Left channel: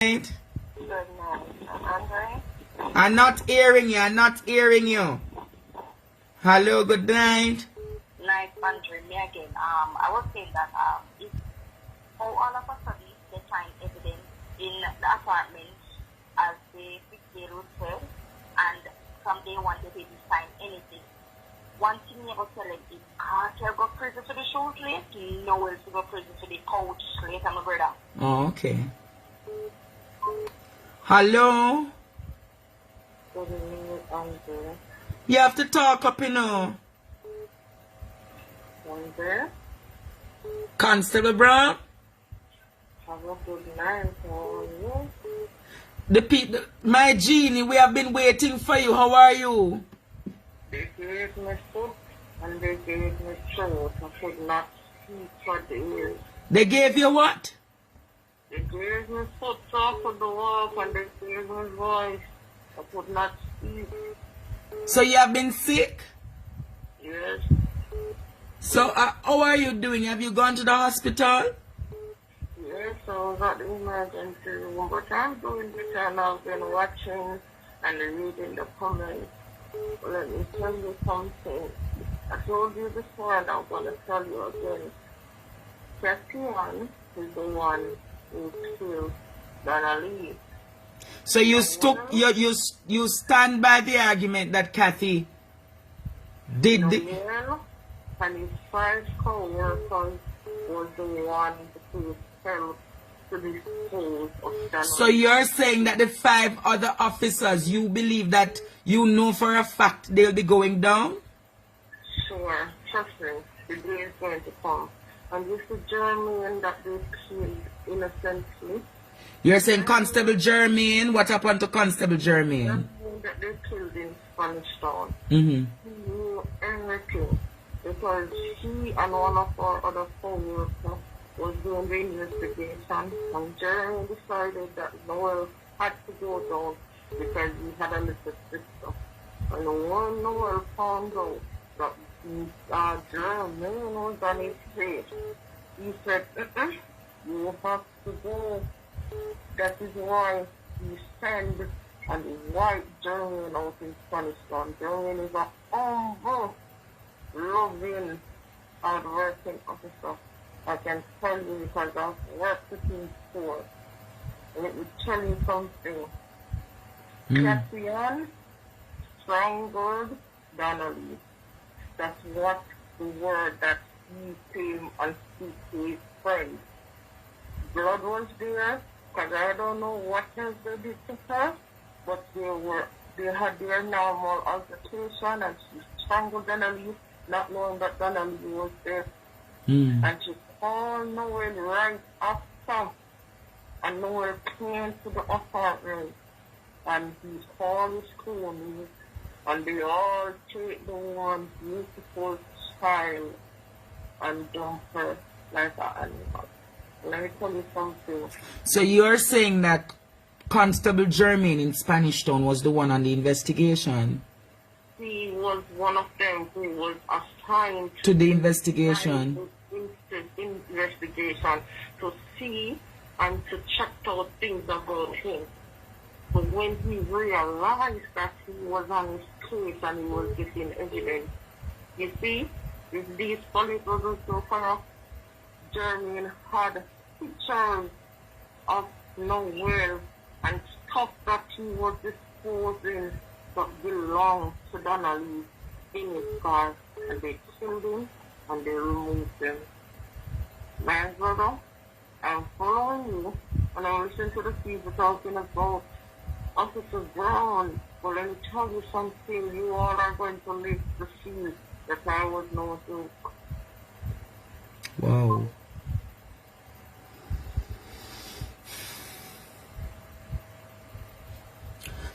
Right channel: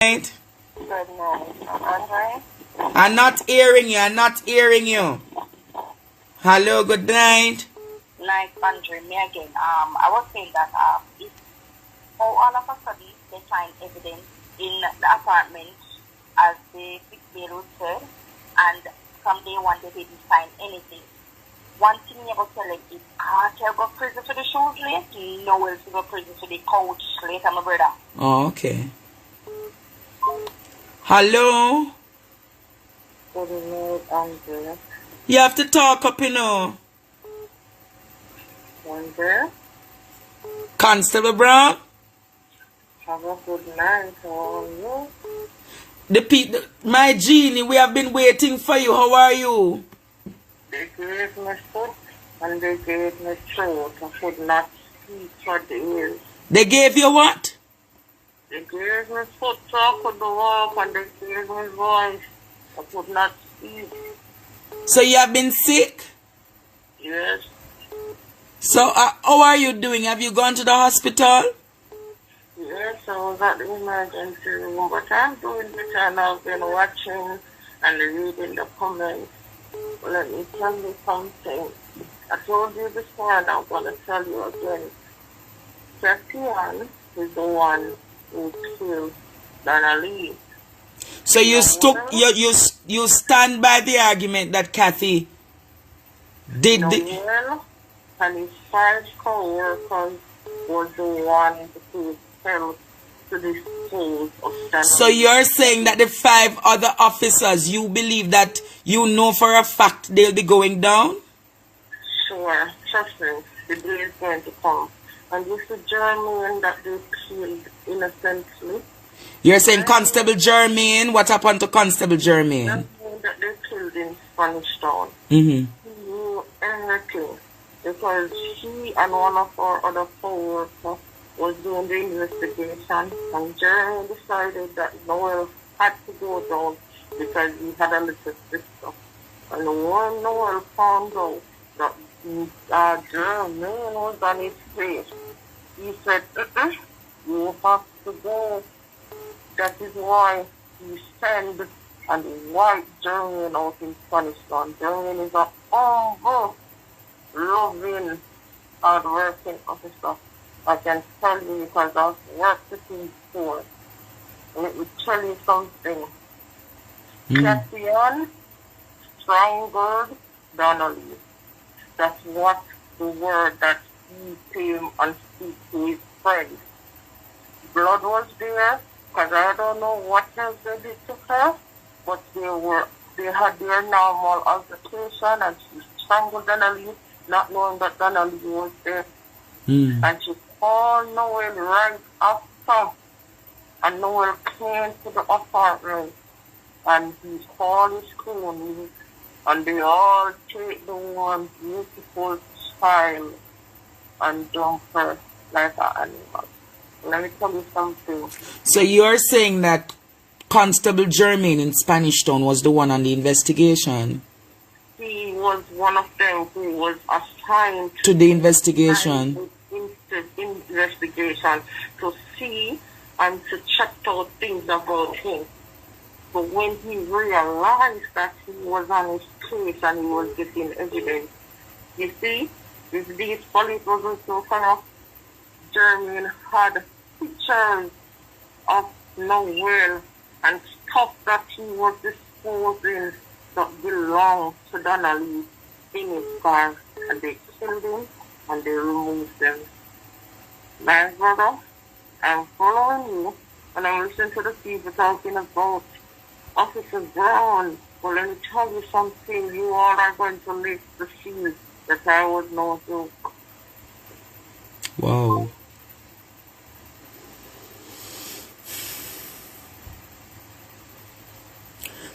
night. Good night. Andre? I'm not hearing you. I'm not hearing you. Hello, good night. Night, Andre, me again. I was saying that if all of a sudden they find evidence in the apartment as the bail said, and from day one they didn't find anything. One thing you ever tell them is Carter go prison for the shoes late, Noel to go prison for the couch later, my brother. Oh, okay. Hello? Good night, Andre. You have to talk up, you know. Andre? Constable Brown? Have a good night. How are you? My Genie, we have been waiting for you. How are you? They gave me foot and they gave me throat. I could not speak for days. They gave you what? They gave me foot so I could walk, and they gave me voice. I could not speak. So you have been sick? Yes. So how are you doing? Have you gone to the hospital? Yes, I was at the emergency room, but I'm doing better, and I've been watching and reading the comments. Let me tell you something. I told you before, and I'm going to tell you again. Setian is the one who killed Donna Lee. So you stand by the argument that Kathy did Noel and his 5 co-workers was the one who fell to the souls of Donna. So you're saying that the 5 other officers, you believe that you know for a fact they'll be going down? Sure, trust me, the day is going to come. And this is Jermaine that they killed innocently. You're saying Constable Jermaine? What happened to Constable Jermaine? That they killed in Spanish Town. Mm-hmm. He knew everything because he and one of our other co-workers was doing the investigation, and Jermaine decided that Noel had to go down because he had a little sister. And when Noel found out that Jermaine was on his face, he said, you have to go. That is why he sent and wiped Jermaine out in Spanish Town. Jermaine is a humble, loving, hard-working officer. I can tell you because I've worked with him before. Let me tell you something. Cassian strangled Donna Lee. That's what the word that he came and speak to his friend. Blood was there, because I don't know what else they did to her, but they had their normal altercation, and she strangled Donna Lee, not knowing that Donna Lee was there. And she called Noel right after, and Noel came to the apartment, and he called his cronies, and they all take the one beautiful child and dump her like an animal. Let me tell you something. So you're saying that Constable Jermaine in Spanish Town was the one on the investigation? He was one of them who was assigned to the investigation. Investigation to see and to check out things about him. But when he realized that he was on his case and he was getting evidence, you see, if these police wasn't so far, Jermaine had pictures of Noel and stuff that he was disposing that belonged to Donna Lee in his car, and they killed him and they removed them. My brother, I'm following you, and I'm listening to the people talking about Officer Brown. But let me tell you something, you all are going to live to see that I was no joke. Wow.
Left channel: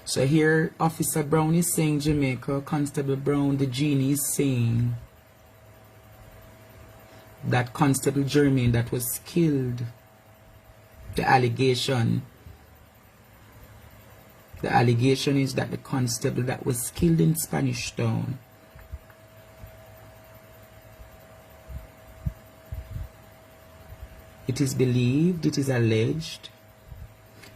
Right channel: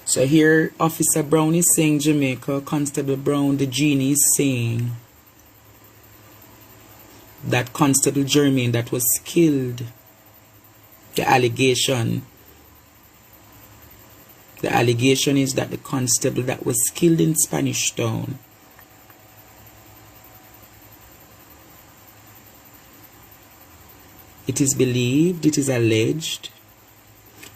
So here Officer Brown is saying Jamaica, Constable Brown, the Genie is saying that Constable Jermaine that was killed, the allegation is that the constable that was killed in Spanish Town It is believed, it is alleged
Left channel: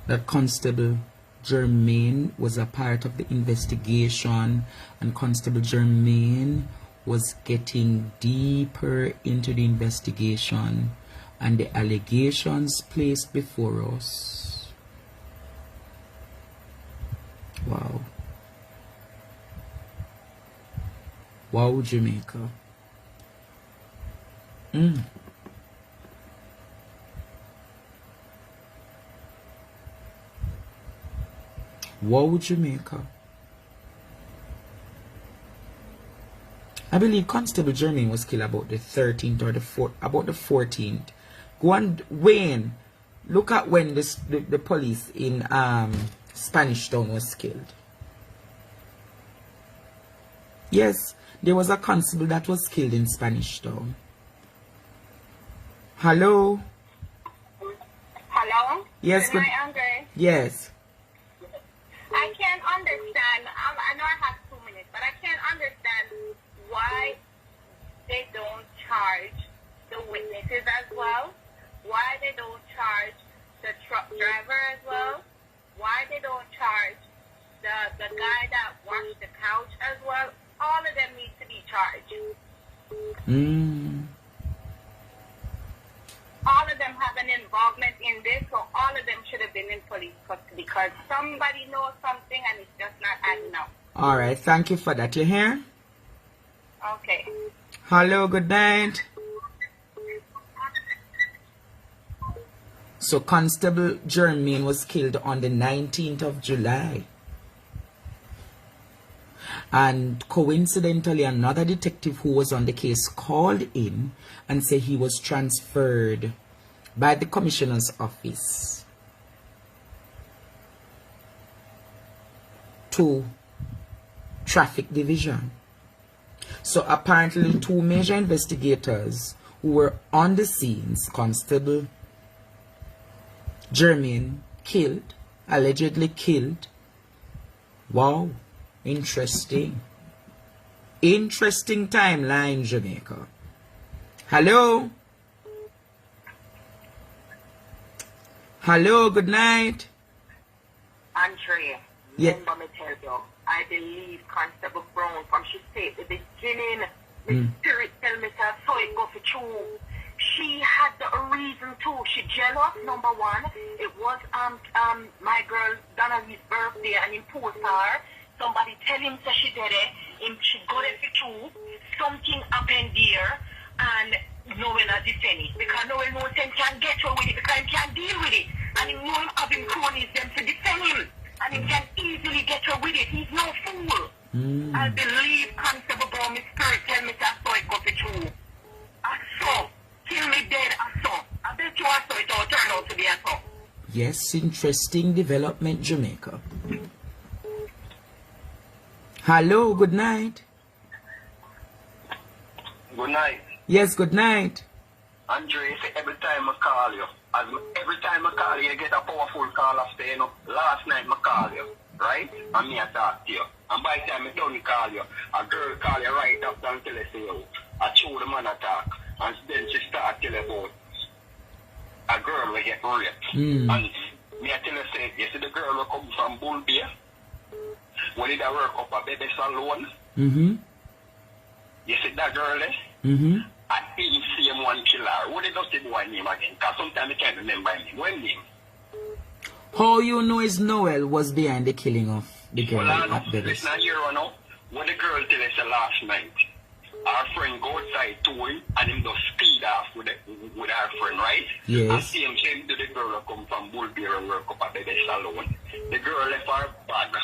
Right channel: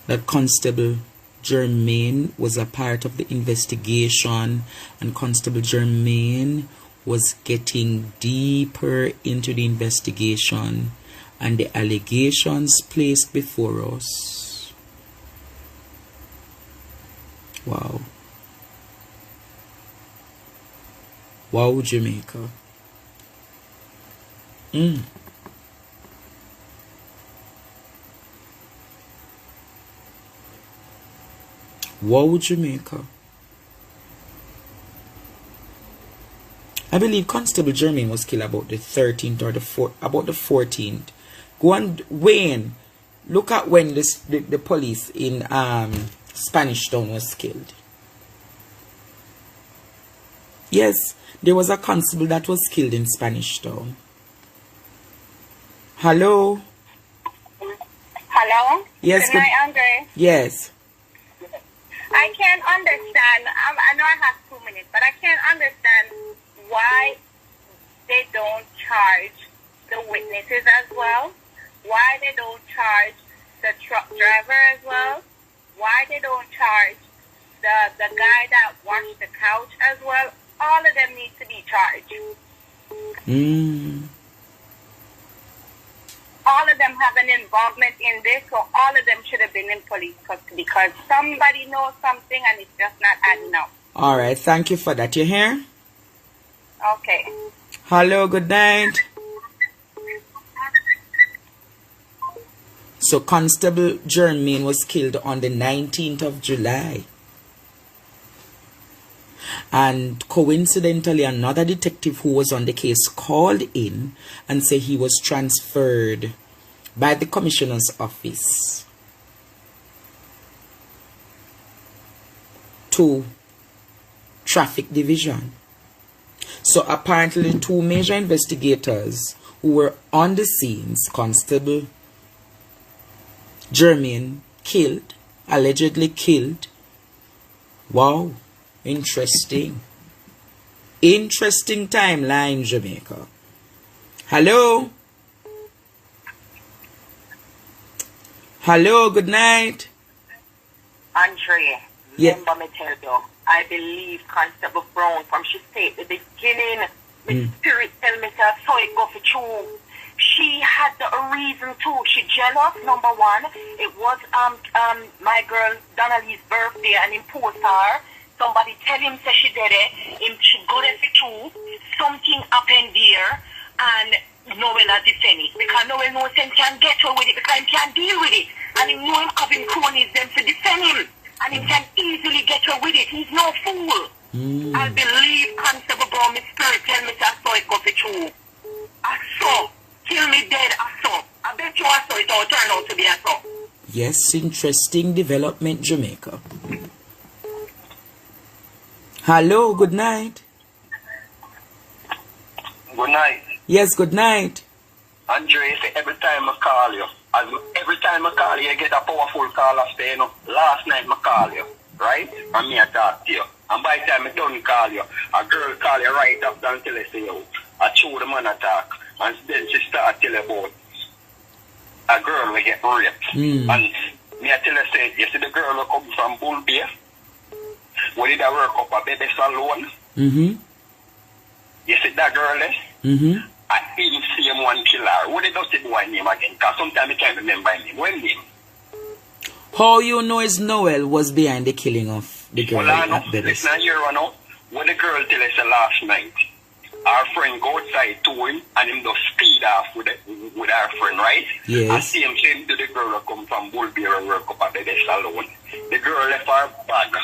that Constable Germain was a part of the investigation, and Constable Germain was getting deeper into the investigation and the allegations placed before us. Wow. Wow, Jamaica. Wow, Jamaica. I believe Constable Germain was killed about the 13th or about the 14th. Go on, Wayne. Look at when the police in Spanish Town was killed. Yes, there was a constable that was killed in Spanish Town. Hello? Hello? Yes, good night, Andre. Yes. I can't understand. I know I have 2 minutes, but I can't understand why they don't charge the witnesses as well. Why they don't charge the truck driver as well. Why they don't charge the guy that washed the couch as well. All of them need to be charged. All of them have an involvement in this, so all of them should have been in police custody because somebody knows something and it's just not adding up. All right, thank you for that. You hear? Okay. Hello, good night. So Constable Germain was killed on the 19th of July. And coincidentally, another detective who was on the case called in and said he was transferred by the commissioner's office to traffic division. So apparently 2 major investigators who were on the scenes, Constable Germain killed, allegedly killed. Wow. Interesting. Interesting timeline, Jamaica. Hello? Hello, good night. Andre, Yeah. remember me tell you, I believe Constable Brown from she said at the beginning, the spirit tell me to so it go for true. She had the reason too. She jealous, number one. It was my girl Donna Lee's birthday and imposed her. Somebody tell him say she did it. Him she go there for true. Something happened there and Noel has defended it. Because Noel knows him can get her with it because he can deal with it. And he know him having cronies them to defend him. And he can easily get her with it. He's no fool. I believe Constable Brown, my spirit tell me that I saw it go for true. I saw. Kill me dead, I saw. I bet you I saw it all turn out to be I saw. Yes, interesting development, Jamaica. Hello, good night. Good night. Yes, good night. Andre, every time I call you, every time I call you, I get a powerful call after, you know. Last night I call you, right? And me I talk to you. And by the time I don't call you, a girl call you right after until I say, yo, I show the man attack. And then she start tell about a girl will get raped. And me I tell her, say, you see the girl will come from Bull Bay? When did I work up a baby salon? You see that girl, eh? I didn't see him one killer. What did I say one name again? Because sometimes I can't remember him. One name. How you know is Noel was behind the killing of the girl Well, I know. at Bevis? Listen here, I know. When the girl tell us last night, our friend go outside to him and him just speed off with our friend, right? Yes. And see him saying to the girl who come from Bullbear and work up at the salon. The girl left her bag.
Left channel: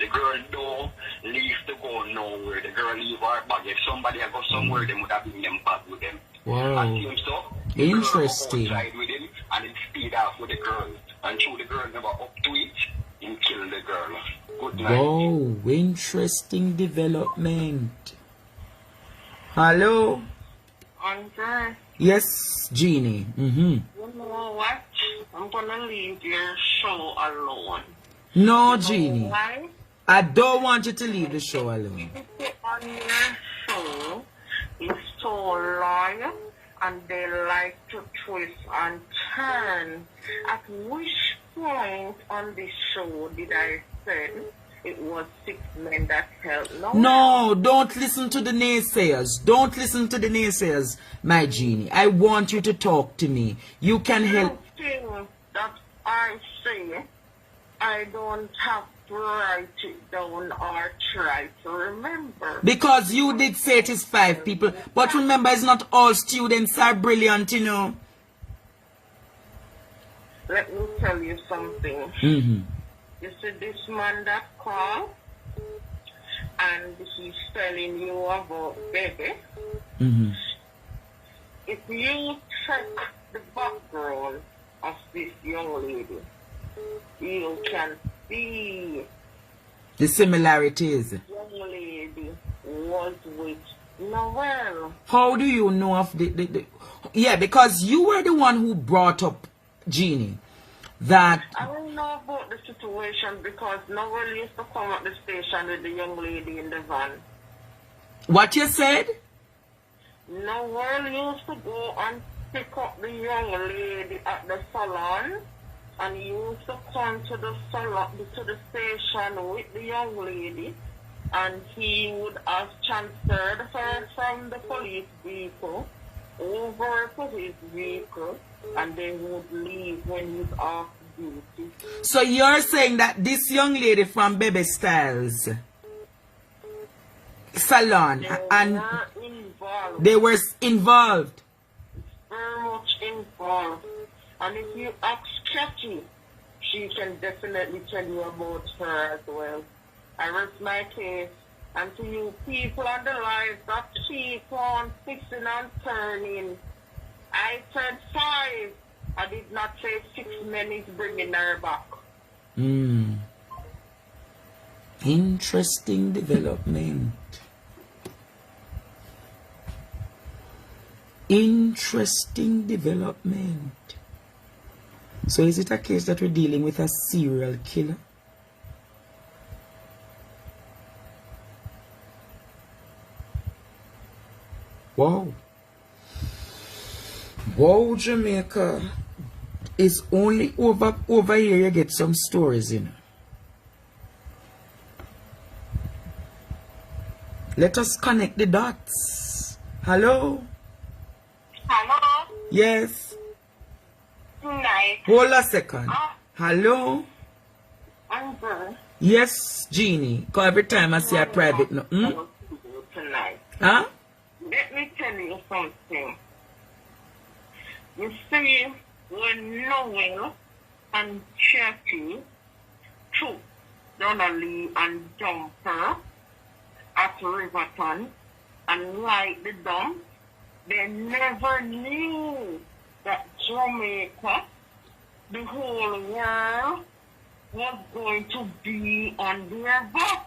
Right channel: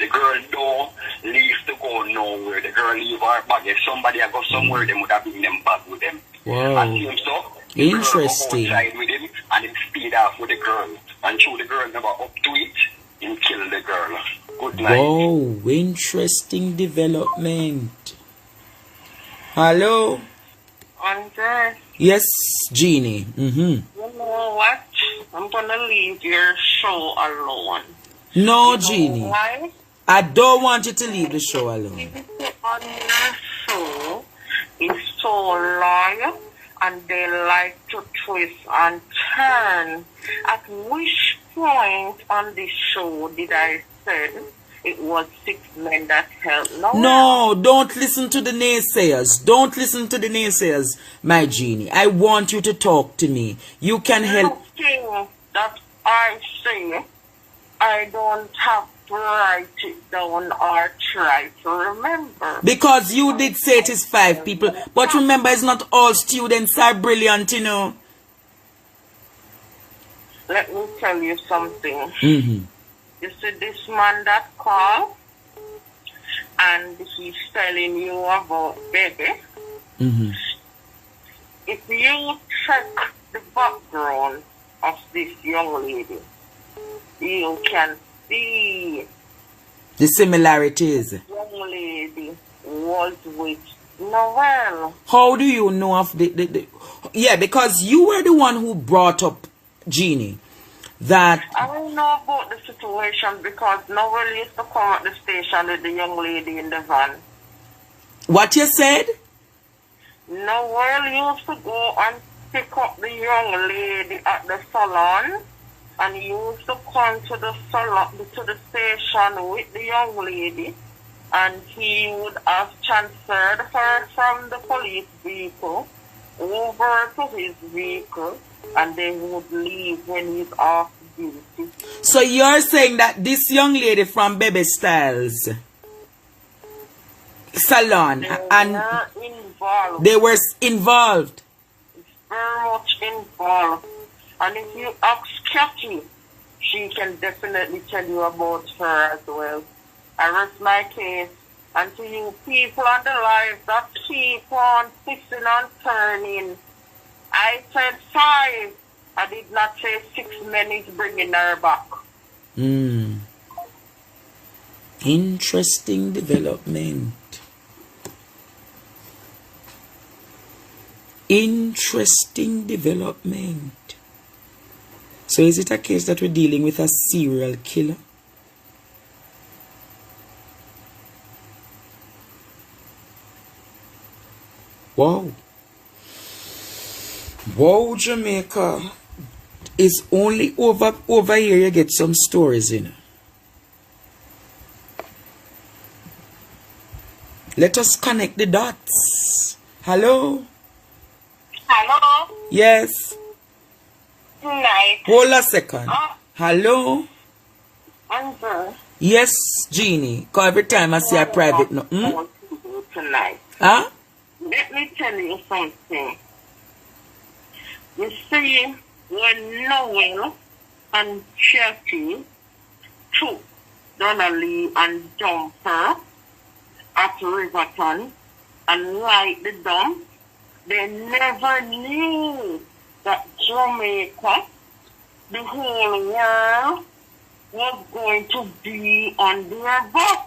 The girl don't leave to go nowhere. The girl leave her bag. If somebody had go somewhere, they would have been them bag with them. Wow. And see him so. The Interesting. girl go outside with him and him speed off with the girl. And show the girl never up to it, him kill the girl. Good night. Wow, interesting development. Hello? Andre, Yes, Genie. you know what? I'm gonna leave your show alone. No, Genie. Why? I don't want you to leave the show alone. People on your show is so loyal and they like to twist and turn. I wish point on this show did I say it was 6 men that helped Noel? No, don't listen to the naysayers. Don't listen to the naysayers, my Genie. I want you to talk to me. You can help. The thing that I say, I don't have to write it down or try to remember. Because you did say it is 5 people. But remember, it's not all students are brilliant, you know. Let me tell you something. Mm-hmm. You see this man that called and he's telling you about baby. Mm-hmm. If you check the background of this young lady, you can see The similarities. the young lady was with Noel. How do you know of the... Yeah, because you were the one who brought up Genie. That... I don't know about the situation because Noel used to come at the station with the young lady in the van. What you said? Noel used to go and pick up the young lady at the salon, and he used to come to the salon, to the station with the young lady, and he would have transferred her from the police vehicle over to his vehicle, and they would leave when he's off duty. So you're saying that this young lady from Baby Styles salon and they were involved. Very much involved. And if you ask Kathy, she can definitely tell you about her as well. I rest my case. And to you people on the live that keep on fixing and turning, I said 5. I did not say 6 men is bringing her back. Interesting development. Interesting development. So is it a case that we're dealing with a serial killer? Wow. Wow, Jamaica. It's only over here you get some stories in. Let us connect the dots. Hello? Hello? Yes. Night. Hold a second. Hello? Answer. Yes, Genie. Because every time I see a private no. Tonight. Huh? Let me tell you something. You see, when Noel and Cherokee took Donna Lee and dumped her at Riverton and light the dump, they never knew that Jamaica, the whole world, was going to be on their back.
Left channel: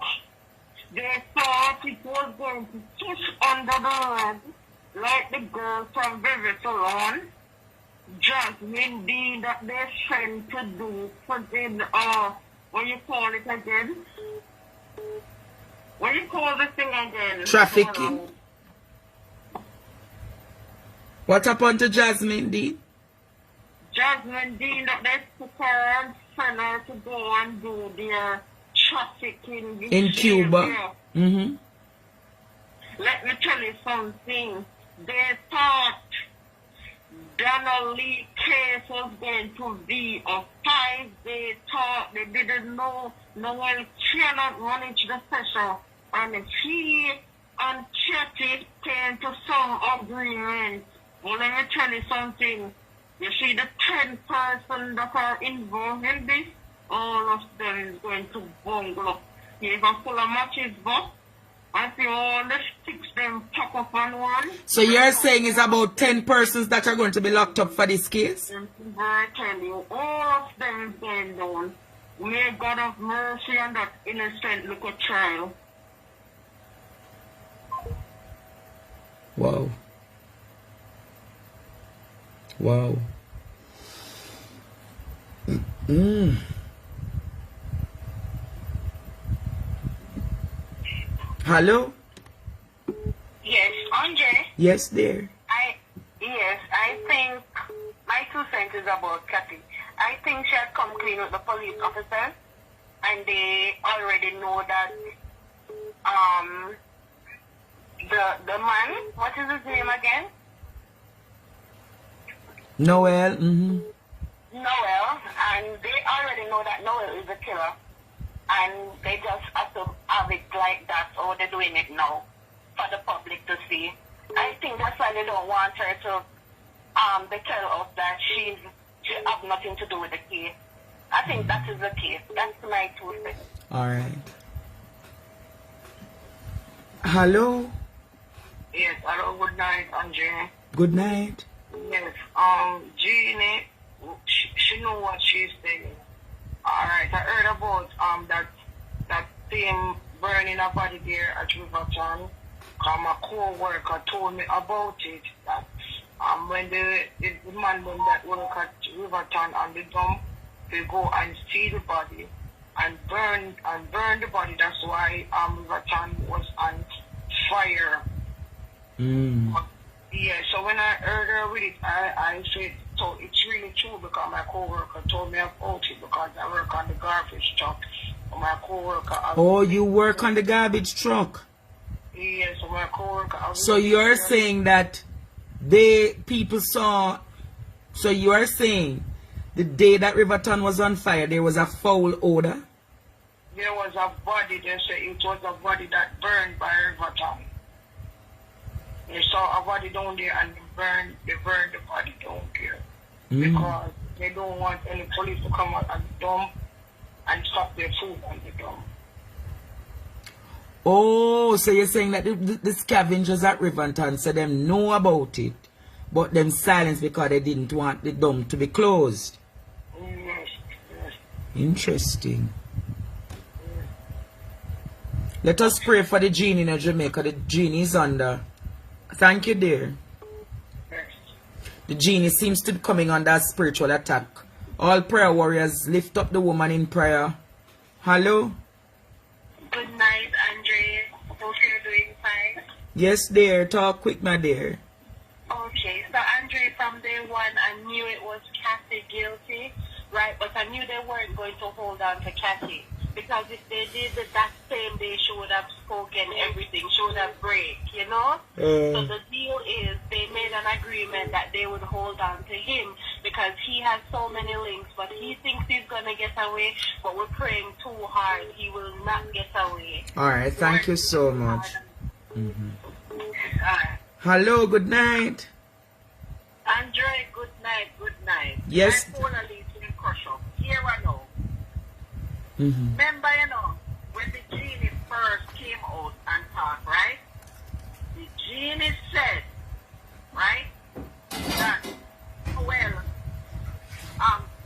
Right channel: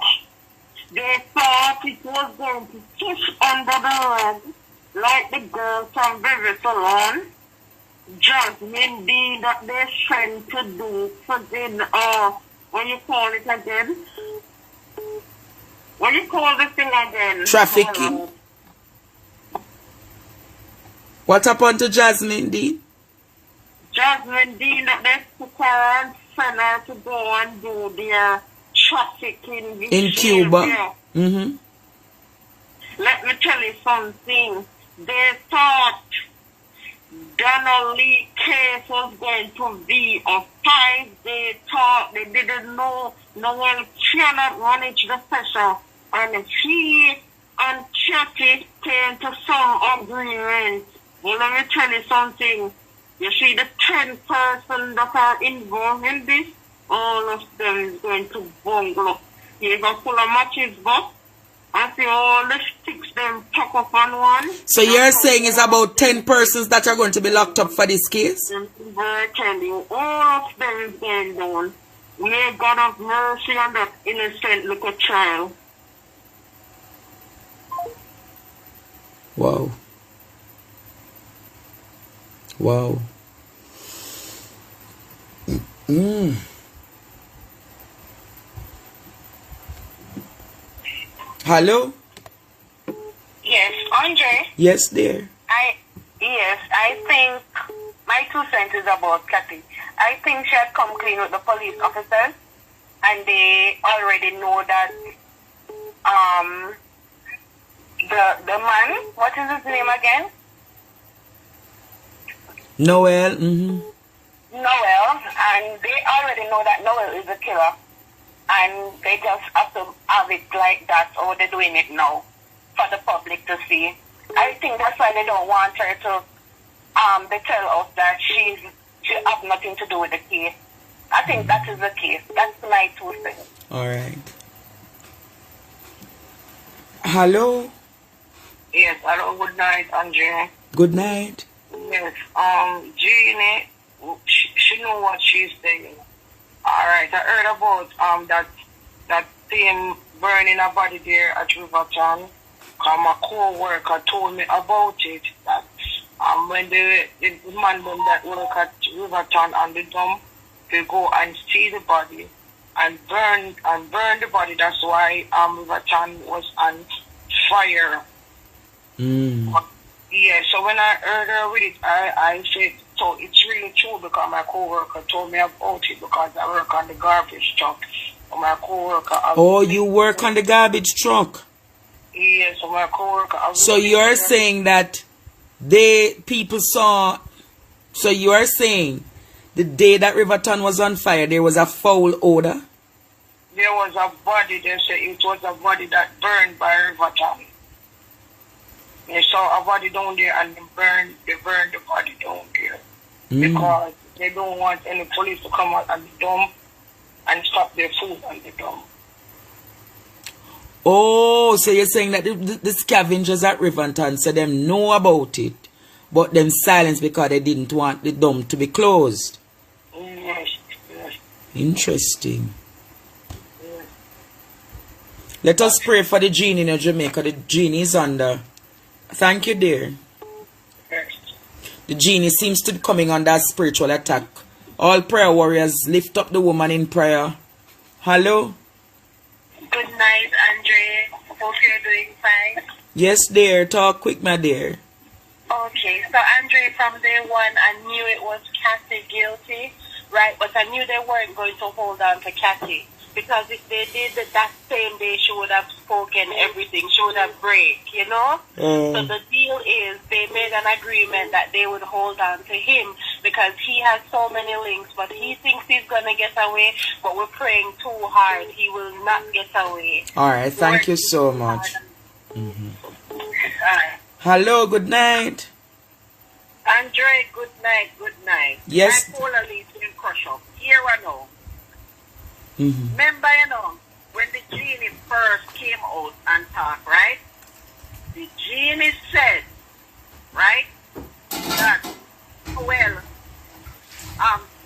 They thought it was going to push under the rug like the girl from Baby Salon, Jasmine D, that they sent to do something, what you call it again? What you call this thing again? Trafficking. What happened to Jasmine D? Jasmine D, that they took her and sent her to go and do their trafficking in Cuba. Mm-hmm. Let me tell you something. They thought Donna Lee case was going to be a fight. They thought, they didn't know Noel cannot manage the pressure. And he and Chucky came to some agreement. Well, let me tell you something. You see the 10 persons that are involved in this, all of them is going to bungle. You're going to pull a matches box and see all the sticks them pack up on one. So you're saying it's about 10 persons that are going to be locked up for this case? I tell you, all of them is going down. May God have mercy on that innocent little child. Wow. Wow. Hello? Yes, Andre. Yes, dear. I think my 2 cents is about Kathy. I think she had come clean with the police officers, and they already know that the man, what is his name again? Noel. Noel, and they already know that Noel is a killer, and they just have to have it like that, or they're doing it now for the public to see. I think that's why they don't want her to they tell us that she have nothing to do with the case. I think that is the case. That's my 2 cents. All right. Hello. Yes, hello, good night, Andre. Good night. Yes, Genie, she know what she's saying. All right, I heard about that thing burning a body there at Riverton. My co-worker told me about it. That when the man that work at Riverton and the dump, they go and see the body and burn the body. That's why Riverton was on fire. Yeah, so when I heard her with it, I said, so it's really true because my co-worker told me about it because I work on the garbage truck. My co-worker... Oh, you work on the garbage truck? Yeah, so my co-worker... So you're saying that people saw... So you're saying the day that Riverton was on fire, there was a foul odor? There was a body, they said it was a body that burned by Riverton. They saw a body down there and they burned the body down there. Because they don't want any police to come out and dump and stop their food and the dump. Oh, so you're saying that the scavengers at Riverton said them know about it, but them silence because they didn't want the dump to be closed? Yes. Interesting. Yes. Let us pray for the Genie in Jamaica. The Genie is under... Thank you, dear. Yes. The Genie seems to be coming under a spiritual attack. All prayer warriors, lift up the woman in prayer. Hello? Good night, Andre. Hope you're doing fine. Yes, dear. Talk quick, my dear. Okay, so Andre, from day one, I knew it was Kathy guilty, right? But I knew they weren't going to hold on to Kathy. Because if they did that same day, she would have spoken everything. She would have break, you know? So the deal is they made an agreement that they would hold on to him because he has so many links, but he thinks he's going to get away, but we're praying too hard. He will not get away. All right, thank you so much. Hello, good night. Andre, good night. Yes. I'm Paula in Crush Up. Here I know. Remember, when the Genie first came out and talked, right? The Genie said, right, that, well,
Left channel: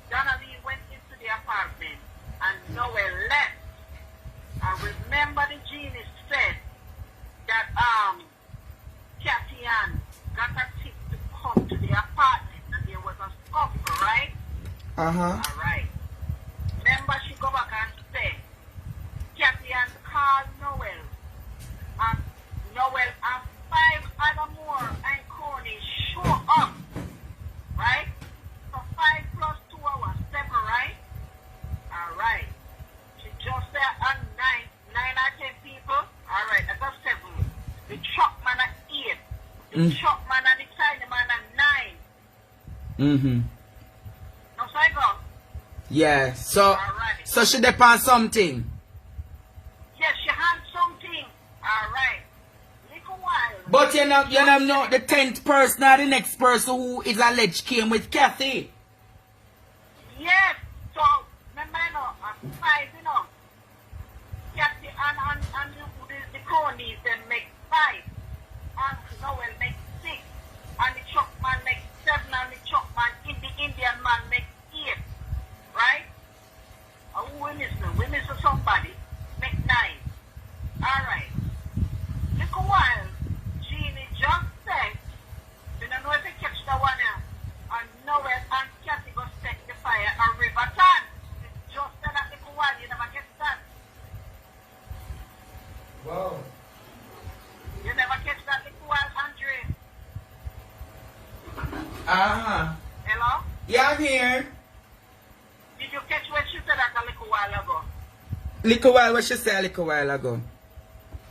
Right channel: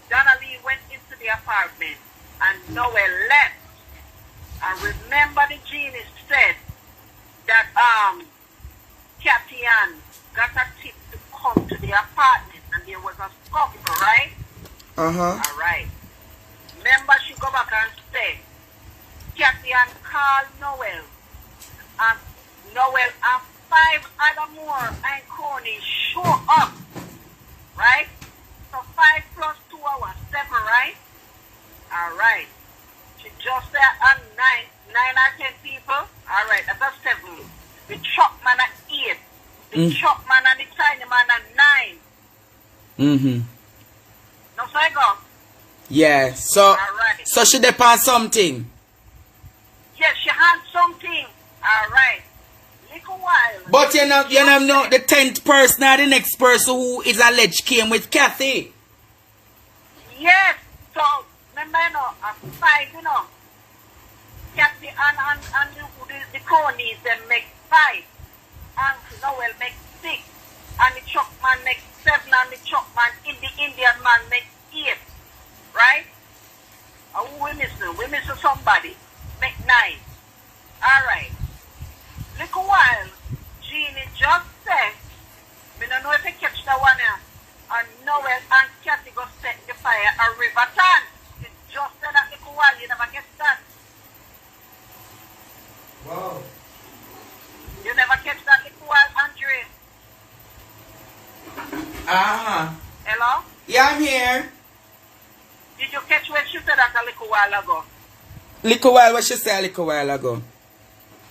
Donna Lee went into the apartment and Noel left. And remember the Genie said that Kathy Ann got a tip to come to the apartment and there was a scuffle, right? All right. Remember, she go back and say, Kathy Ann called Noel. And Noel and 5 other more and Coney show up. Right? So 5 plus 2 hours, 7, right? All right. She just said on 9 or 10 people. All right, that's 7. The truck man at 8. The truck man and the tiny man at 9. Now, so I go. Yeah, so so she depend something. Yes, she had something. All right. Little while. But you know the 10th person or the next person who is alleged came with Kathy. Yes. So remember, 5, Kathy and the cronies them make 5. And Noel make 6. And the truck man makes 7. And the truck man the Indian man makes 8. Right? We missing somebody. Make 9. Alright. Look a while. Genie just said, we don't know if you catch the one here. And Noel and Kathy go set the fire at Riverton. It just said that look a while, you never get that. Wow. You never catch that look a while, Andre. Hello? Hello? Yeah, I'm here. while ago. Little while, what she say a little while ago?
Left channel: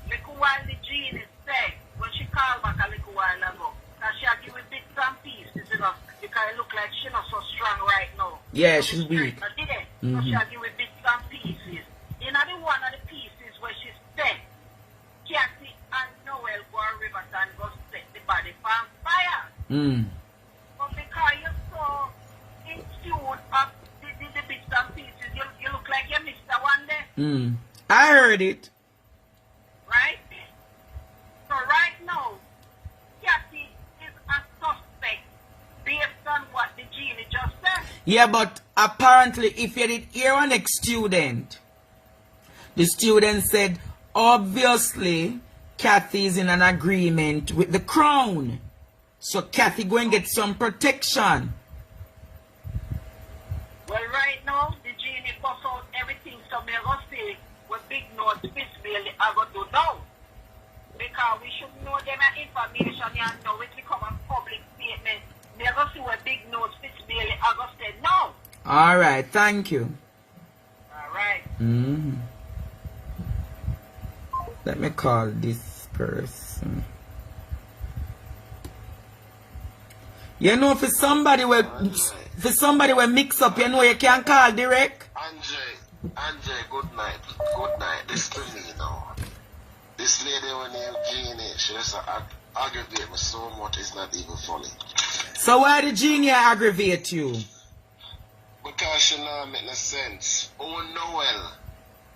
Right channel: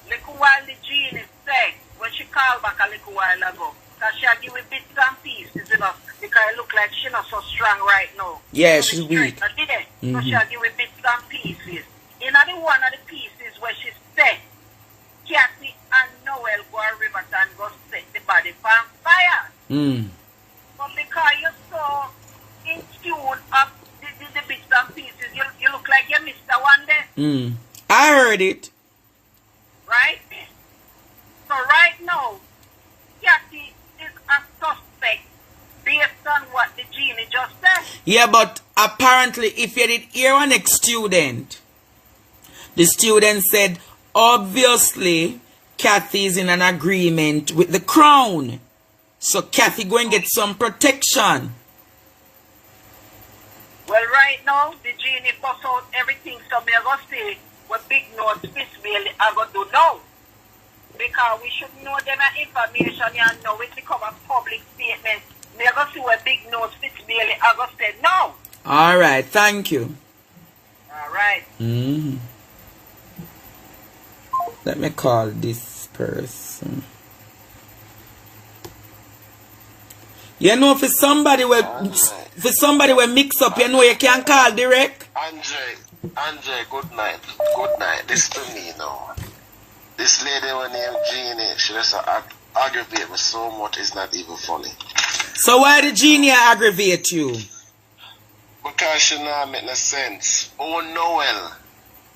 Little while the Genie said, when she called back a little while ago, that she had given bits and pieces, you know, because it look like she's not so strong right now. Yeah, she's weak. So she had given bits and pieces. In the one of the pieces where she said, Kathy and Noel go to Riverton go set the body on fire. But because you're so in tune of the bits and pieces, you look like you missed the one there. I heard it. Right? So right now, Kathy is a suspect based on what the Genie just said. Yeah, but apparently, if you did hear an ex-student, the student said, obviously, Kathy is in an agreement with the Crown. So Kathy go and get some protection. Well, right now, the Genie bust out everything, so me go say what big notes fist really I go do now. Because we should know them information and know it become a public statement. Me go see what big notes fist really I go say no. Alright, thank you. Alright. Let me call this person. You know, for somebody will mix up, you know, you can call direct. Andre, good night. Good night. This to me now. This lady named Genie, she just aggravate me so much, it's not even funny. So why did Genie aggravate you? Because she not make no sense. Oh, Noel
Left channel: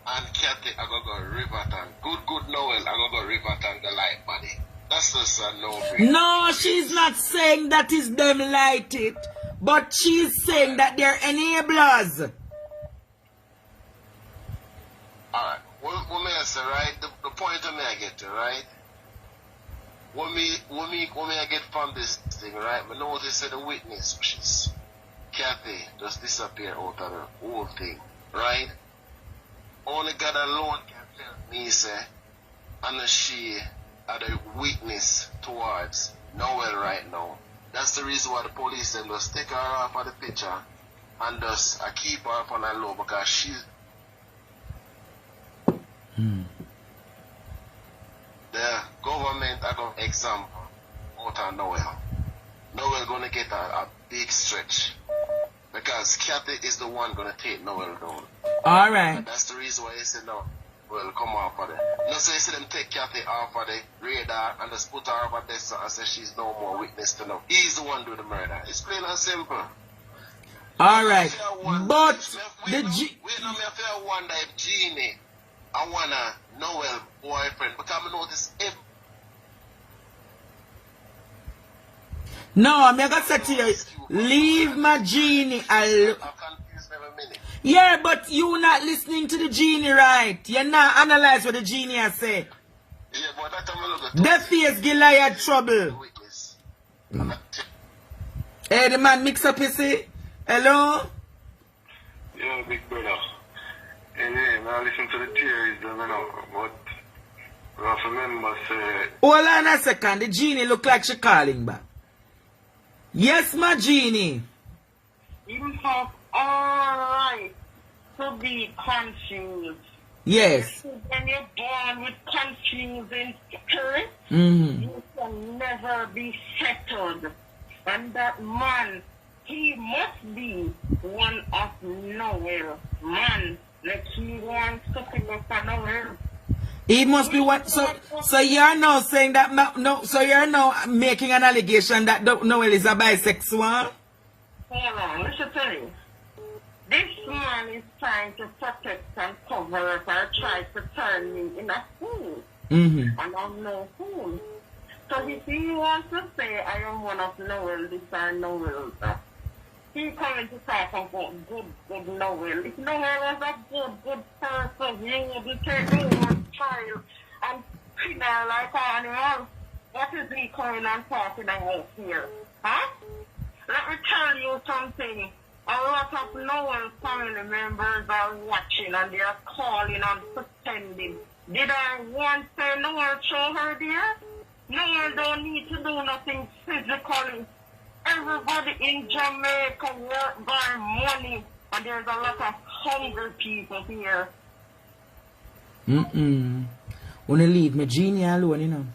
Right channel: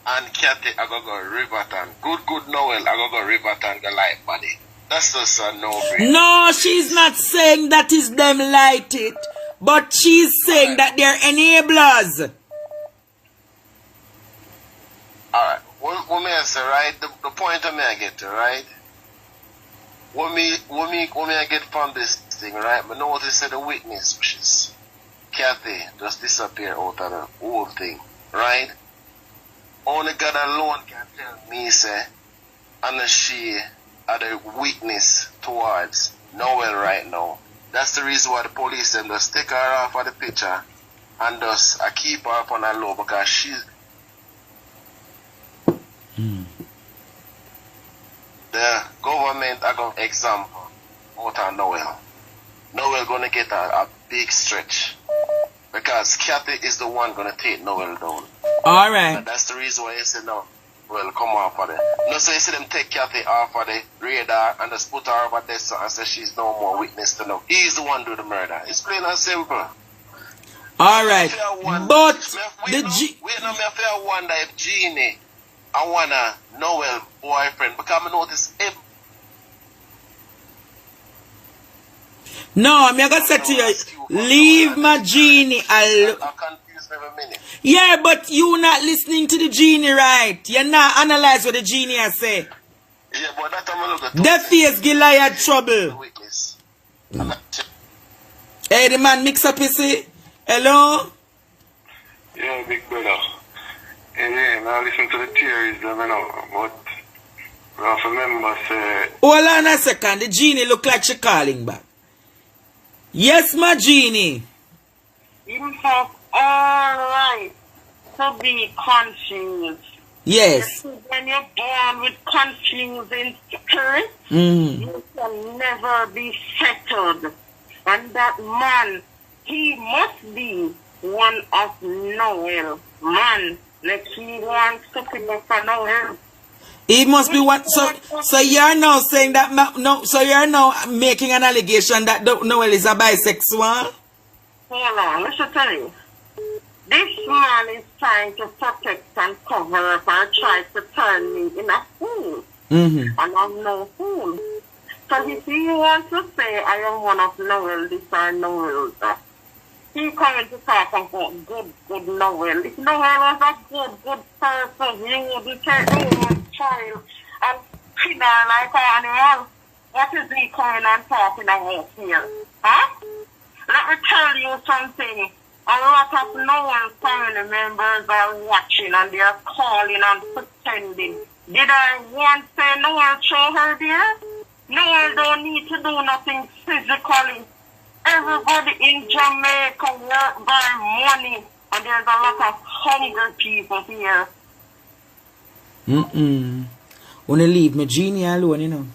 and Kathy are going to go Riverton. Good Noel are going to go Riverton, the light body. That's just a no-brainer. No, she's not saying that is them light it, but she's saying that they're enablers. Alright, what may I say, right? The point I may get to, right? What may I get from this thing, right? I notice that the witness, which is Kathy, just disappear out of the whole thing, right? Only God alone can tell me, say, and she are the witness towards Noel right now. That's the reason why the police them just take her off of the picture and just keep her up on her low because she's the government are going to example out of Noel. Noel gonna get a big stretch because Kathy is the one gonna take Noel down. Alright. That's the reason why he said no. Well, come off of it. No, so you see them take Kathy off of the radar and just put her over there and say she's no more witness to know. He's the one do the murder. It's plain and simple. Alright. But wait, no, me I wonder if Genie I wanna Noel boyfriend because I notice if no, I'm gonna say to you, leave my Genie alone. I'm confused every minute. Yeah, but you not listening to the Genie, right? You're not analyze what the Genie has said. Yeah, but that I'm look at The face Goliath trouble. witness. Hey, the man mix up, you see? Hello? Yeah, big brother. Yeah, now listen to the theories, you know, but we have to remember, say... Hold on a second, the Genie look like she calling back. Yes, my Genie. You have all right to be confused. Yes. When you're born with confusing spirit, Mm. you can never be settled. And that man, he must be one of Noel. Man, let's see one stepping up for Noel. It must be what. So you're now saying that no. So you're now making an allegation that Noel is a bisexual. Hold on, let me tell you. This man is trying to protect and cover up and try to turn me in a fool. Mm-hmm. And I'm no fool. So if he wants to say I am one of Noel this or Noel that, he coming to talk about good Noel. If Noel was a good person, he would take Noel's child and treat her like an animal. What is he coming and talking about here? Huh? Let me tell you something. A lot of Noel family members are watching and they are calling and pretending. Did I once say Noel show her there? Noel don't need to do nothing physically. Everybody in Jamaica work by money. And there's a lot of hungry people here. Wanna leave me Genie alone, you know.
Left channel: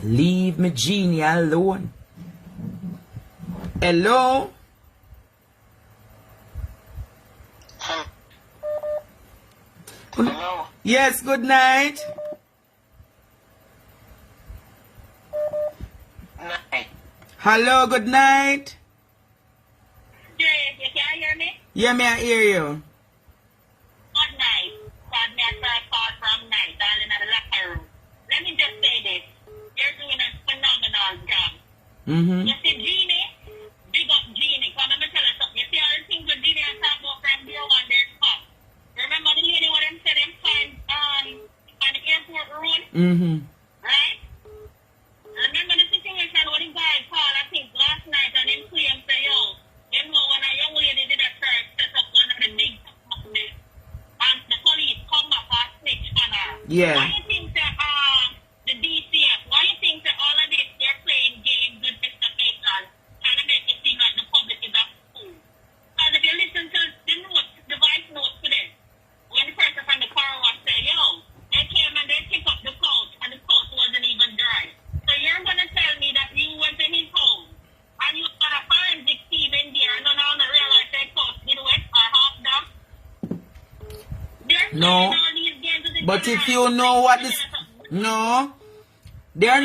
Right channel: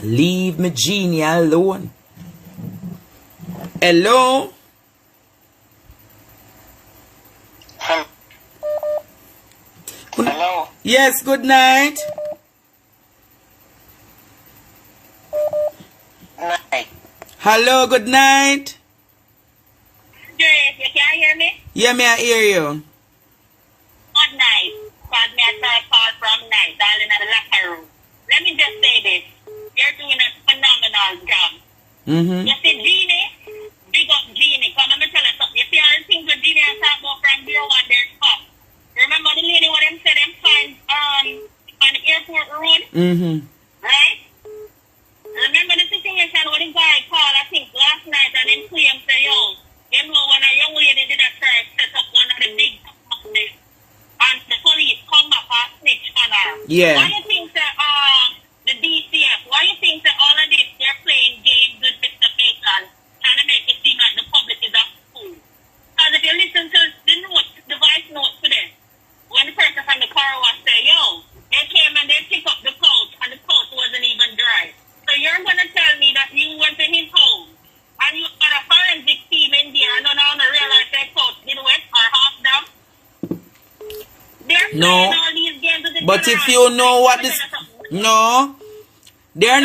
Leave me Genie alone. Hello? Hello. Yes, good night. Night. Hello, good night. Grace, you can hear me? Yeah, me I hear you. Good night. Because me a third call from night, darling, at the locker room. Let me just say this. You're doing a phenomenal job. You see, Genie, big up Genie. Come let me tell you something. You see all the things that Genie has talked about from day one, they're tough. Remember the lady what them said them find on the airport road? Right? Remember the situation where the guy called, I think, last night and then claimed say, yo, you know when a young lady did a try to set up one of the big companies and the police come back and snitch on her. Yeah. Why you think that the DCF, why you think that all of this they're playing games with Mr. Bacon trying to make it seem like the public is a fool? Because if you listen to the notes, the voice notes today, when the person from the car was say, yo, they came and they picked up the couch and the couch wasn't even dry. So you're going to tell me that you went to his home and you got a forensic team in there and none of them realize that couch did wet or half down? They're No. playing all these games with the But if you know what this... No. They're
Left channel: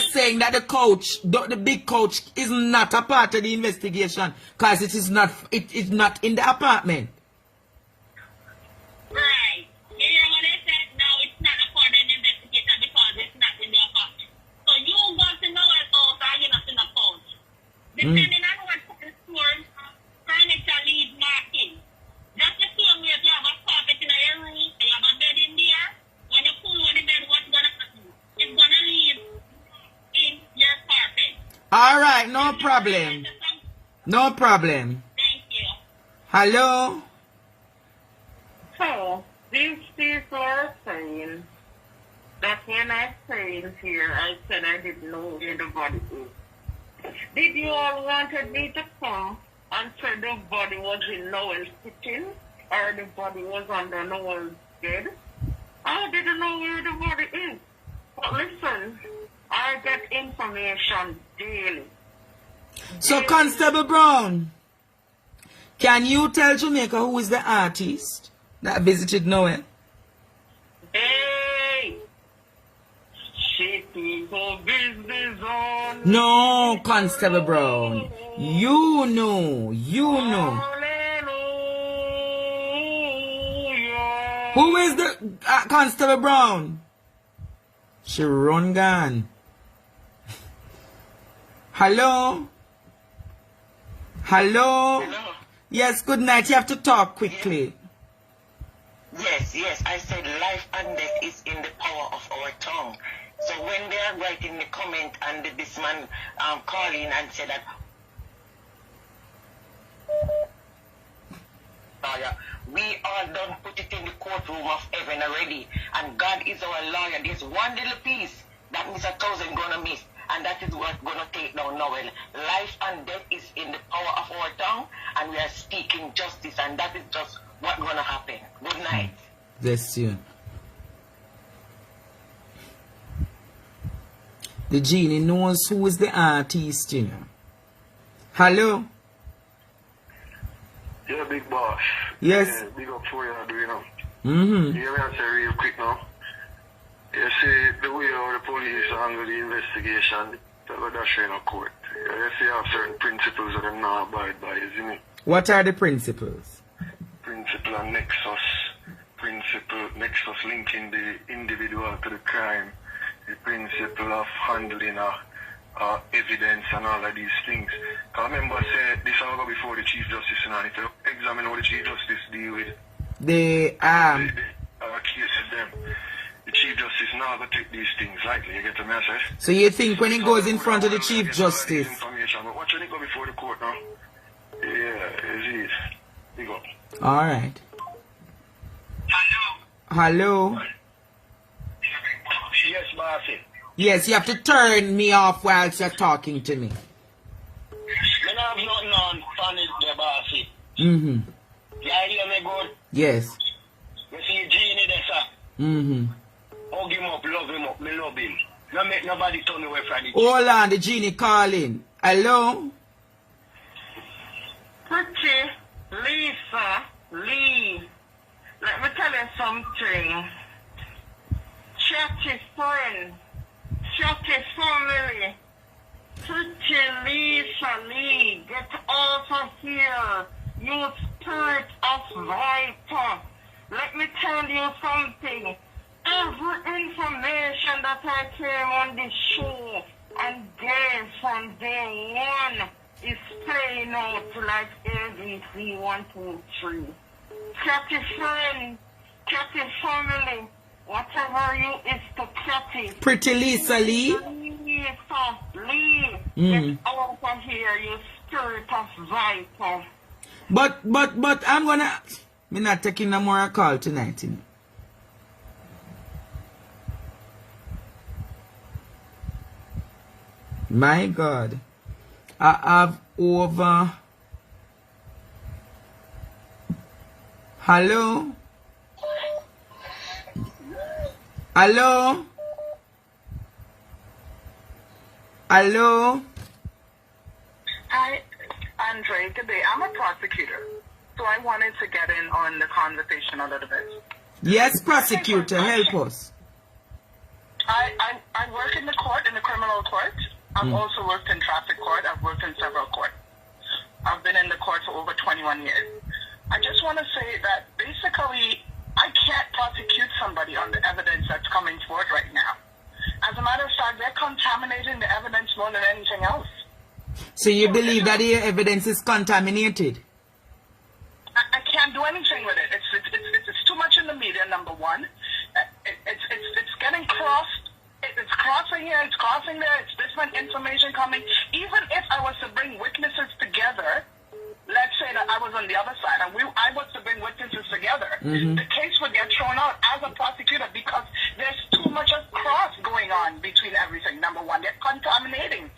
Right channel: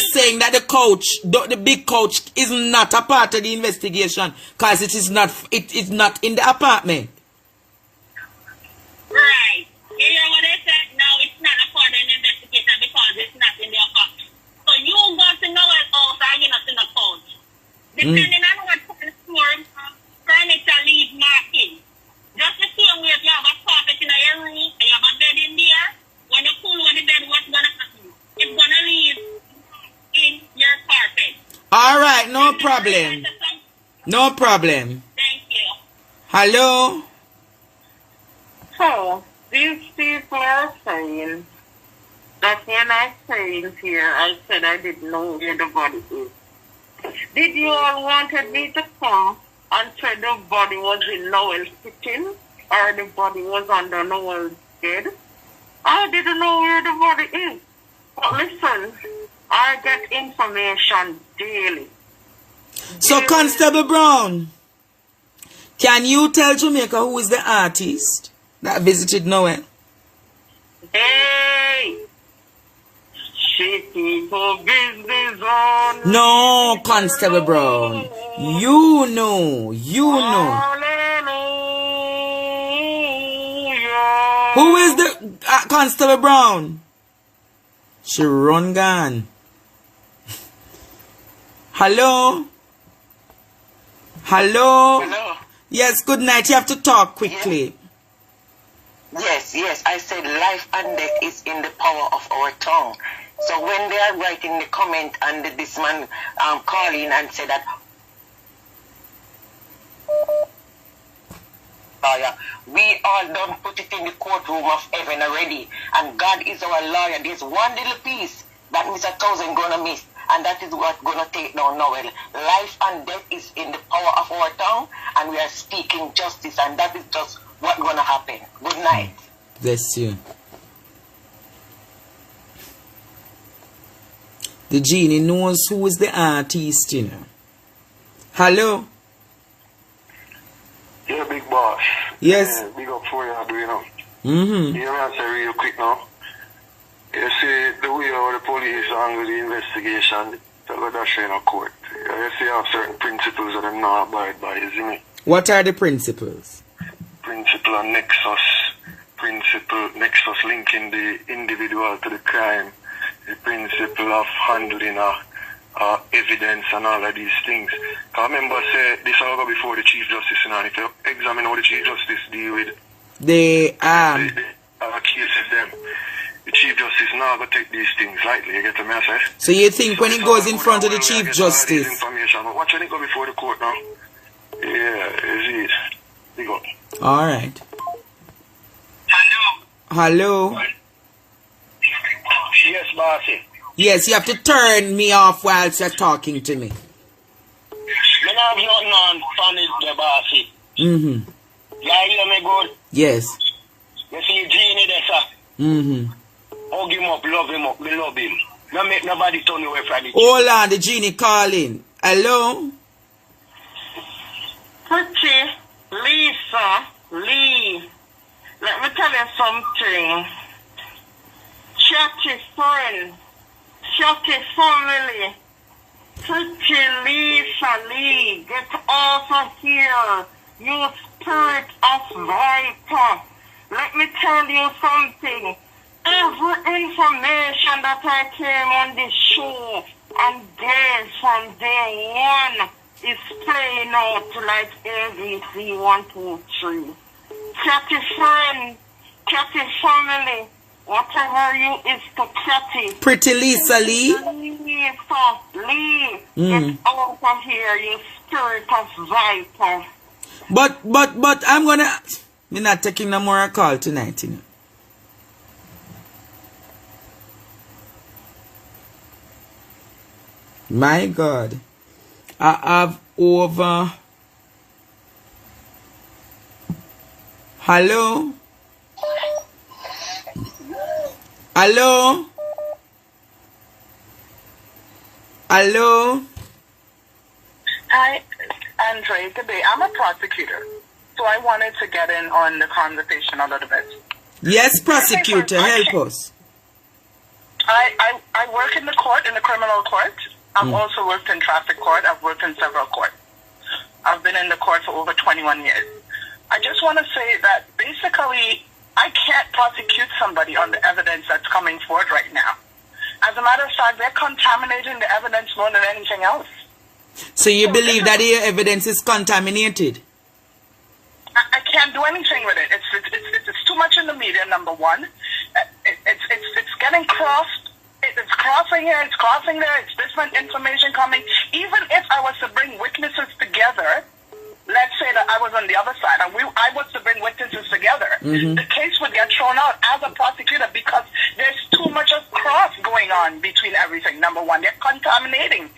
saying that the coach, the big coach, is not a part of the investigation because it is not in the apartment. Right. You hear what they said? No, it's not a part of the investigation because it's not in the apartment. So you go to Noel house and you're not in the couch. Depending on what kind of store furniture leave marking. Just the same way if you have a carpet in your room and you have a bed in there, when you pull on the bed, what's going to happen? It's going to leave in your carpet. All right, no problem. No problem. Thank you. Hello? So, these people are saying that when I came here, I said I didn't know where the body is. Did you all wanted me to come and say the body was in Noel's kitchen or the body was under Noel's bed? I didn't know where the body is. But listen, I get information daily. So, Constable Brown, can you tell Jamaica who is the artist that visited Noel? Hey! She keep her business on. No, Constable Brown. You know. Hallelujah. Who is the Constable Brown? She run gone. Hello? Hello. Yes, good night. You have to talk quickly. Yes. I said life and death is in the power of our tongue. So when they are writing the comment and this man calling and said that we all done put it in the courtroom of heaven already, and God is our lawyer. There's one little piece that Mr. Thousand gonna miss, and that is what gonna take down Noel. Life and death is in the power of our tongue, and we are speaking justice, and that is just what's gonna happen. Good night. Bless you. The Genie knows who is the artist, you know. Hello? Yeah, big boss. Yes. Yeah, big up for you, you know. Mm-hmm. You answer real quick now. You see the way how the police handle the investigation, they're going to show in a court. You see have certain principles that I'm not abide by, isn't it? What are the principles? Principle and nexus. Principle, nexus linking the individual to the crime. The principle of handling evidence and all of these things. I remember say this will go before the Chief Justice, you know, and if you examine how the Chief Justice deal with The cases them, the Chief Justice now going to take these things lightly, you get the message? So you think when it goes in front of the Chief Justice? Information, but watch when it go before the court now. Yeah, is it? Big up. Alright. Hello? Yes, bossy. Yes, you have to turn me off whilst you're talking to me. Me not have nothing on funny there, bossy. Mm-hmm. Yeah, hear me good? Yes. You see Genie there, sir? Mm-hmm. Hug him up, love him up, me love him. Don't make nobody turn away from it. Hold on, the Genie calling. Hello? Pretty Lisa Lee. Let me tell you something. Chatty friend, chatty family. Pretty Lisa Lee, get off of here. You spirit of viper. Let me tell you something. Every information that I came on this show and gave from day one is playing out like ABC 1, 2, 3. Catty friend, catty family, whatever you is to catty. Pretty Lisa Lee? Lisa Lee, get out of here, you spirit of viper. But I'm gonna... Me not taking no more call tonight, you know. My God. I have over... Hello? Hello? Hello? Hi, Andre. Good day. I'm a prosecutor, so I wanted to get in on the conversation a little bit. Yes, prosecutor, help us. I work in the court, in the criminal court. I've also worked in traffic court. I've worked in several courts. I've been in the court for over 21 years. I just want to say that basically I can't prosecute somebody on the evidence that's coming forward right now. As a matter of fact, they're contaminating the evidence more than anything else. So you believe that the evidence is contaminated? I can't do anything with it. It's too much in the media, number one. It's getting crossed. It's crossing here, it's crossing there, it's different information coming. Even if I was to bring witnesses together, let's say that I was on the other side, and I was to bring witnesses together, the case would get thrown out as a prosecutor because there's too much of cross going on between everything. Number one, they're contaminating.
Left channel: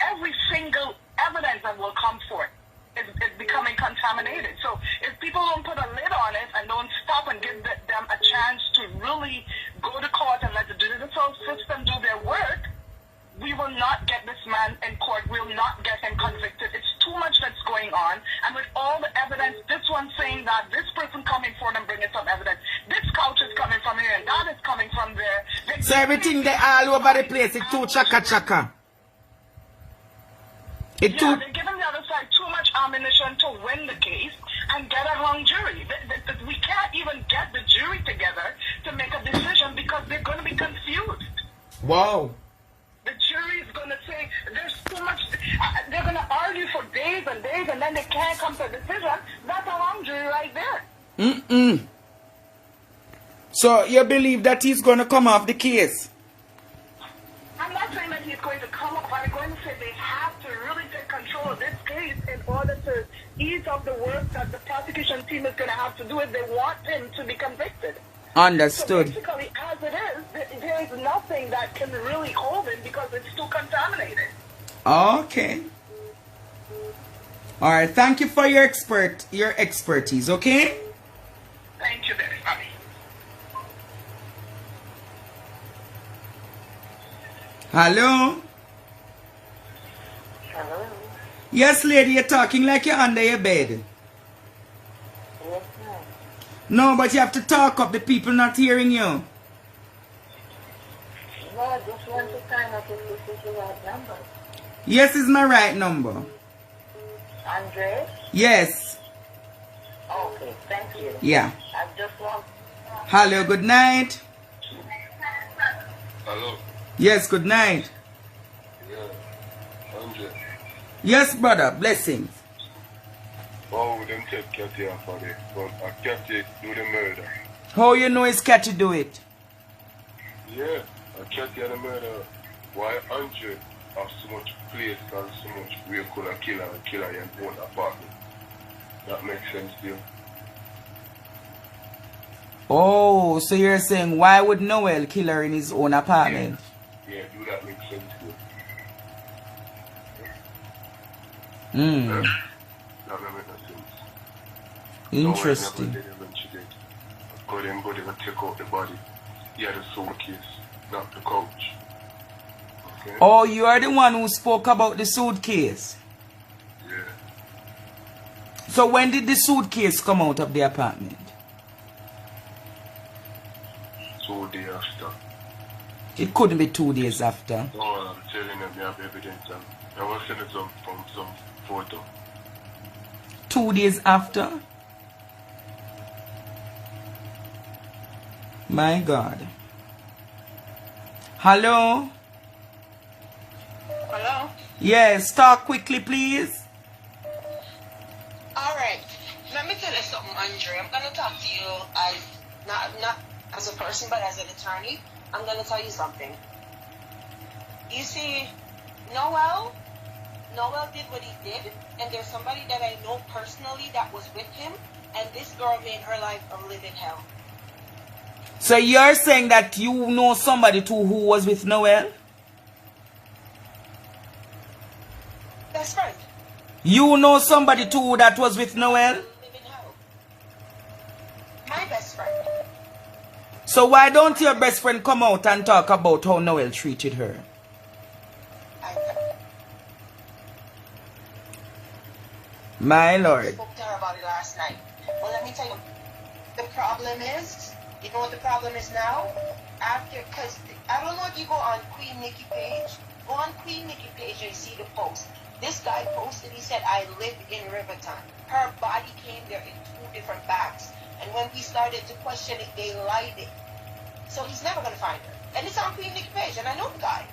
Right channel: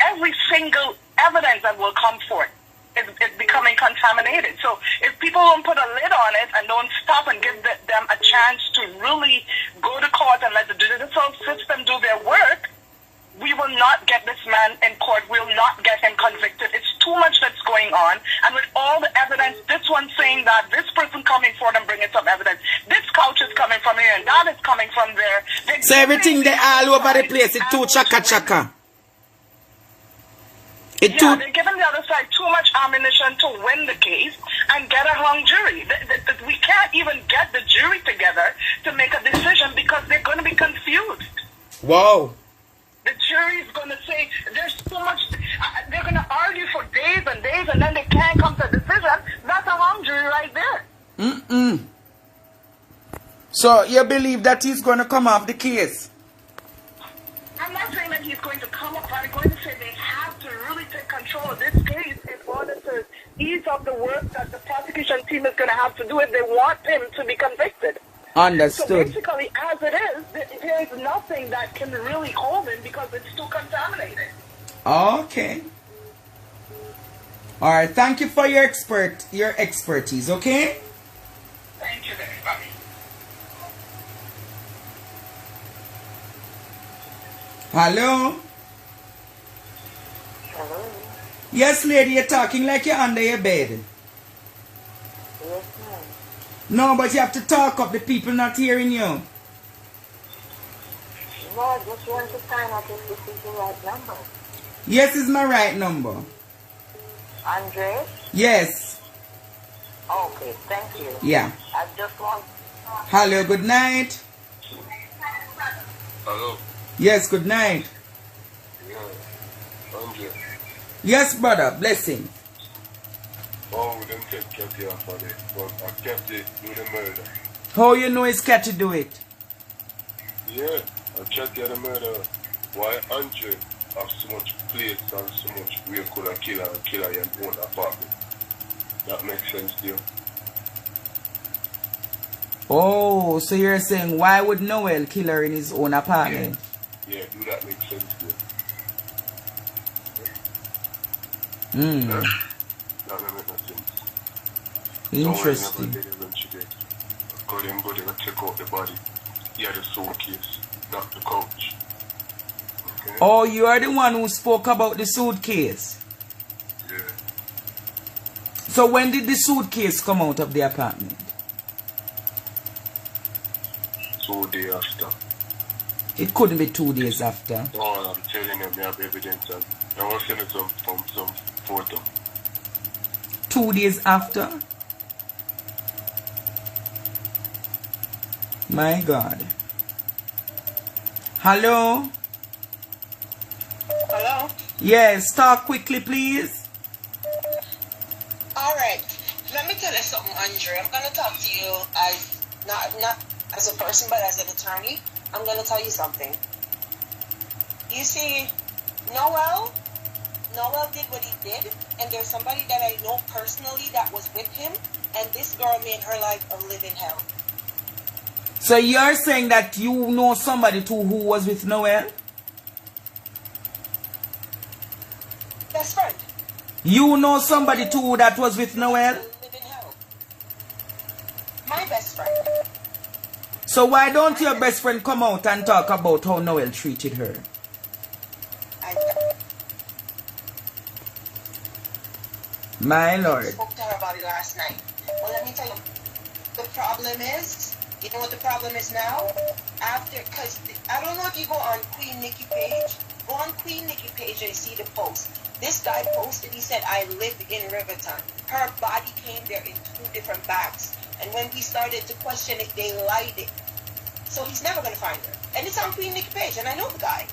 Every single evidence that will come forth is becoming contaminated. So if people don't put a lid on it and don't stop and give them a chance to really go to court and let the judicial system do their work, we will not get this man in court. We'll not get him convicted. It's too much that's going on. And with all the evidence, this one saying that, this person coming forward and bringing some evidence, this couch is coming from here and that is coming from there. So everything they all over the place, it's too chaka. They're giving the other side too much ammunition to win the case and get a hung jury. We can't even get the jury together to make a decision because they're going to be confused. Wow. The jury is going to say there's too much. They're going to argue for days and days, and then they can't come to a decision. That's a hung jury right there. So you believe that he's going to come off the case? I'm not saying that he's going to come up. I'm going to say they have to really take control of this case in order to ease up the work that the prosecution team is going to have to do if they want him to be convicted. Understood. So basically, as it is, there is nothing that can really hold him because it's too contaminated. Okay. All right. Thank you for your expertise. Okay. Thank you very much. Hello. Hello? Yes, lady. You're talking like you're under your bed. Yes, ma'am. No, but you have to talk up. The people not hearing you. No, I just want to find out if this is the right number. Yes, it's my right number. Andre? Yes. Okay, thank you. Yeah. I just want... Hello. Good night. Hello. Yes. Good night. Yeah. Andre. Yes, brother. Blessings. Oh, we didn't take Cathy off of it, but Cathy do the murder. How you know it's cat to do it? Yeah, Cathy the murder. Why Andre have so much place and so much we could have killed and kill her in own apartment? That makes sense to you? Oh, so you're saying why would Noel kill her in his own apartment? Yeah, do that make sense to you? Hmm. That don't make no sense. Interesting. Noel never did when she did. Got him body and take out the body. He had a suitcase, not the couch. Okay? Oh, you are the one who spoke about the suitcase. Yeah. So when did the suitcase come out of the apartment? 2 days after. It couldn't be 2 days after. No, I'm telling them they have evidence and I was sending some photo. 2 days after? My God. Hello? Hello? Yes, talk quickly, please. Alright. Let me tell you something, Andre. I'm gonna talk to you as not as a person but as an attorney. I'm gonna tell you something. You see, Noel did what he did, and there's somebody that I know personally that was with him, and this girl made her life a living hell. So you're saying that you know somebody too who was with Noel? Best friend. You know somebody too that was with Noel? Living hell. My best friend. So why don't your best friend come out and talk about how Noel treated her? My Lord. I spoke to her about it last night. Well, let me tell you, the problem is, you know what the problem is now? Because I don't know if you go on Queen Nikki page. Go on Queen Nikki page and you see the post. This guy posted, he said, I live in Riverton. Her body came there in 2 different bags. And when we started to question it, they lied it. So he's never going to find her. And it's on Queen Nikki page, and I know the guy.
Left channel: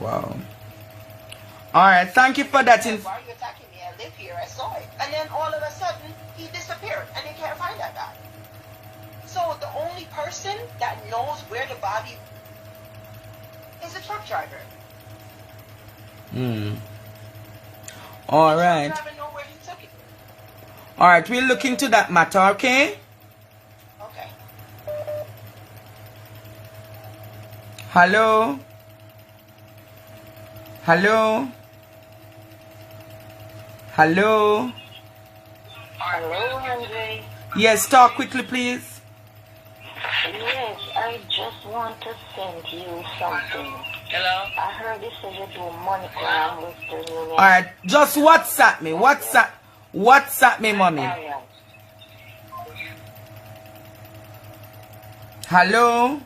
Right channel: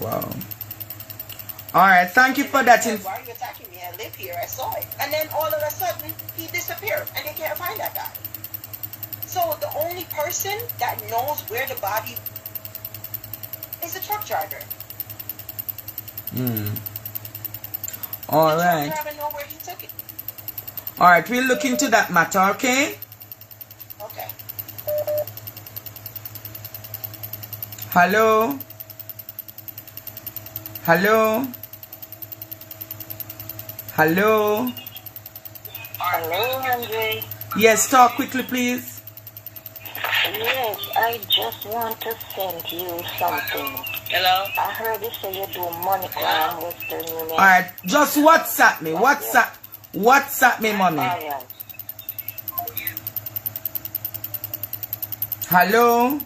Wow. Alright, thank you for that. Why are you attacking me? I live here, I saw it. And then all of a sudden, he disappeared, and they can't find that guy. So the only person that knows where the body is the truck driver. Alright. The truck driver know where he took it. Alright, we'll look into that matter, okay? Okay. Hello? Hello? Hello? Hello, Andre. Yes, talk quickly, please. Yes, I just want to send you something. Hello? I heard you say you do Monica and Western Union. Alright, just WhatsApp me. WhatsApp me, mommy. Alright. Hello?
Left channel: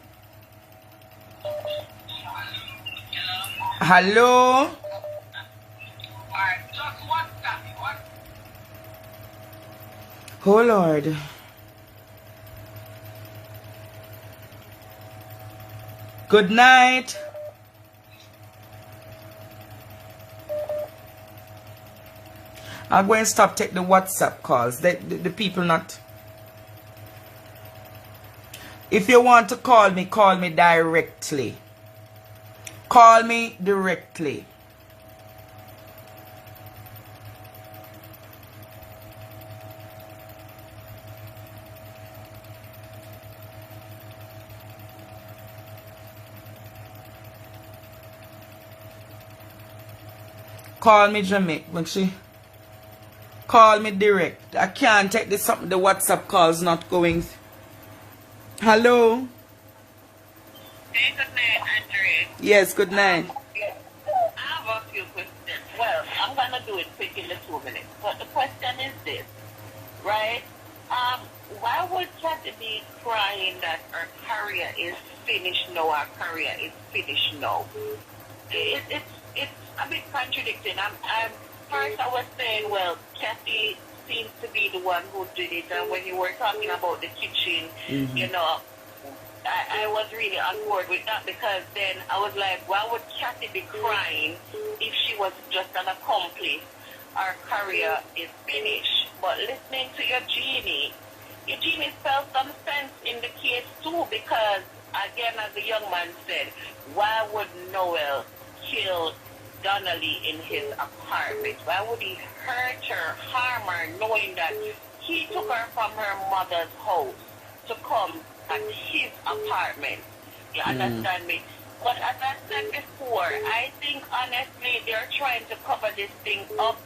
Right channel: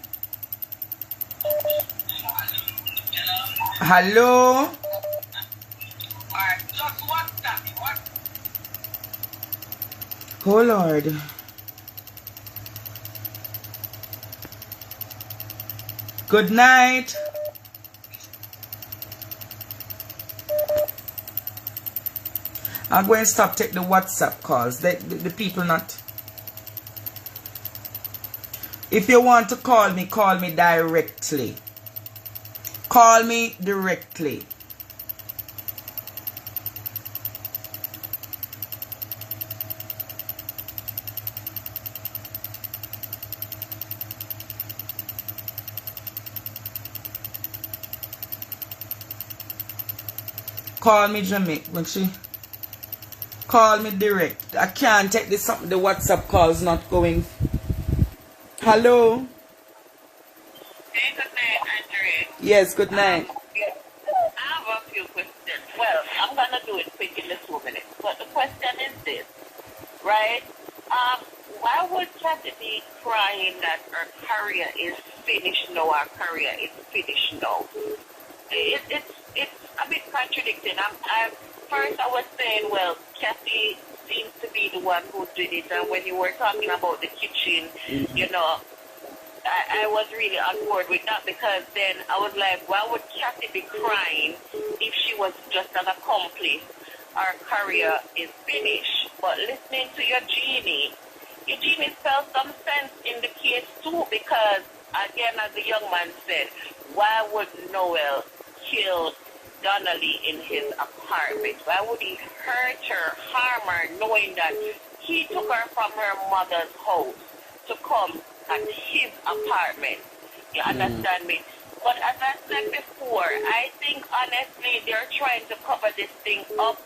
Hello? Oh Lord. Good night. I'm going to stop take the WhatsApp calls. The people not. If you want to call me directly. Call me directly. Call me Jamaica. Call me direct. I can't take this something. The WhatsApp call's not going. Hello? Good night, Andre. Yes, good night. I have a few questions. Well, I'm going to do it quick in the 2 minutes. But the question is this, right? Why would Kathy be crying that her career is finished now, her career is finished now? It's a bit contradicting. First I was saying, well, Kathy seems to be the one who did it. And when you were talking about the kitchen, you know, I was really on board with that, because then I was like, why would Kathy be crying if she was just an accomplice? Our career is finished. But listening to your Genie felt some sense in the case too, because again, as the young man said, why would Noel kill Donna Lee in his apartment? Why would he hurt her, harm her, knowing that he took her from her mother's house to come at his apartment? You understand me? But as I said before, I think honestly they're trying to cover this thing up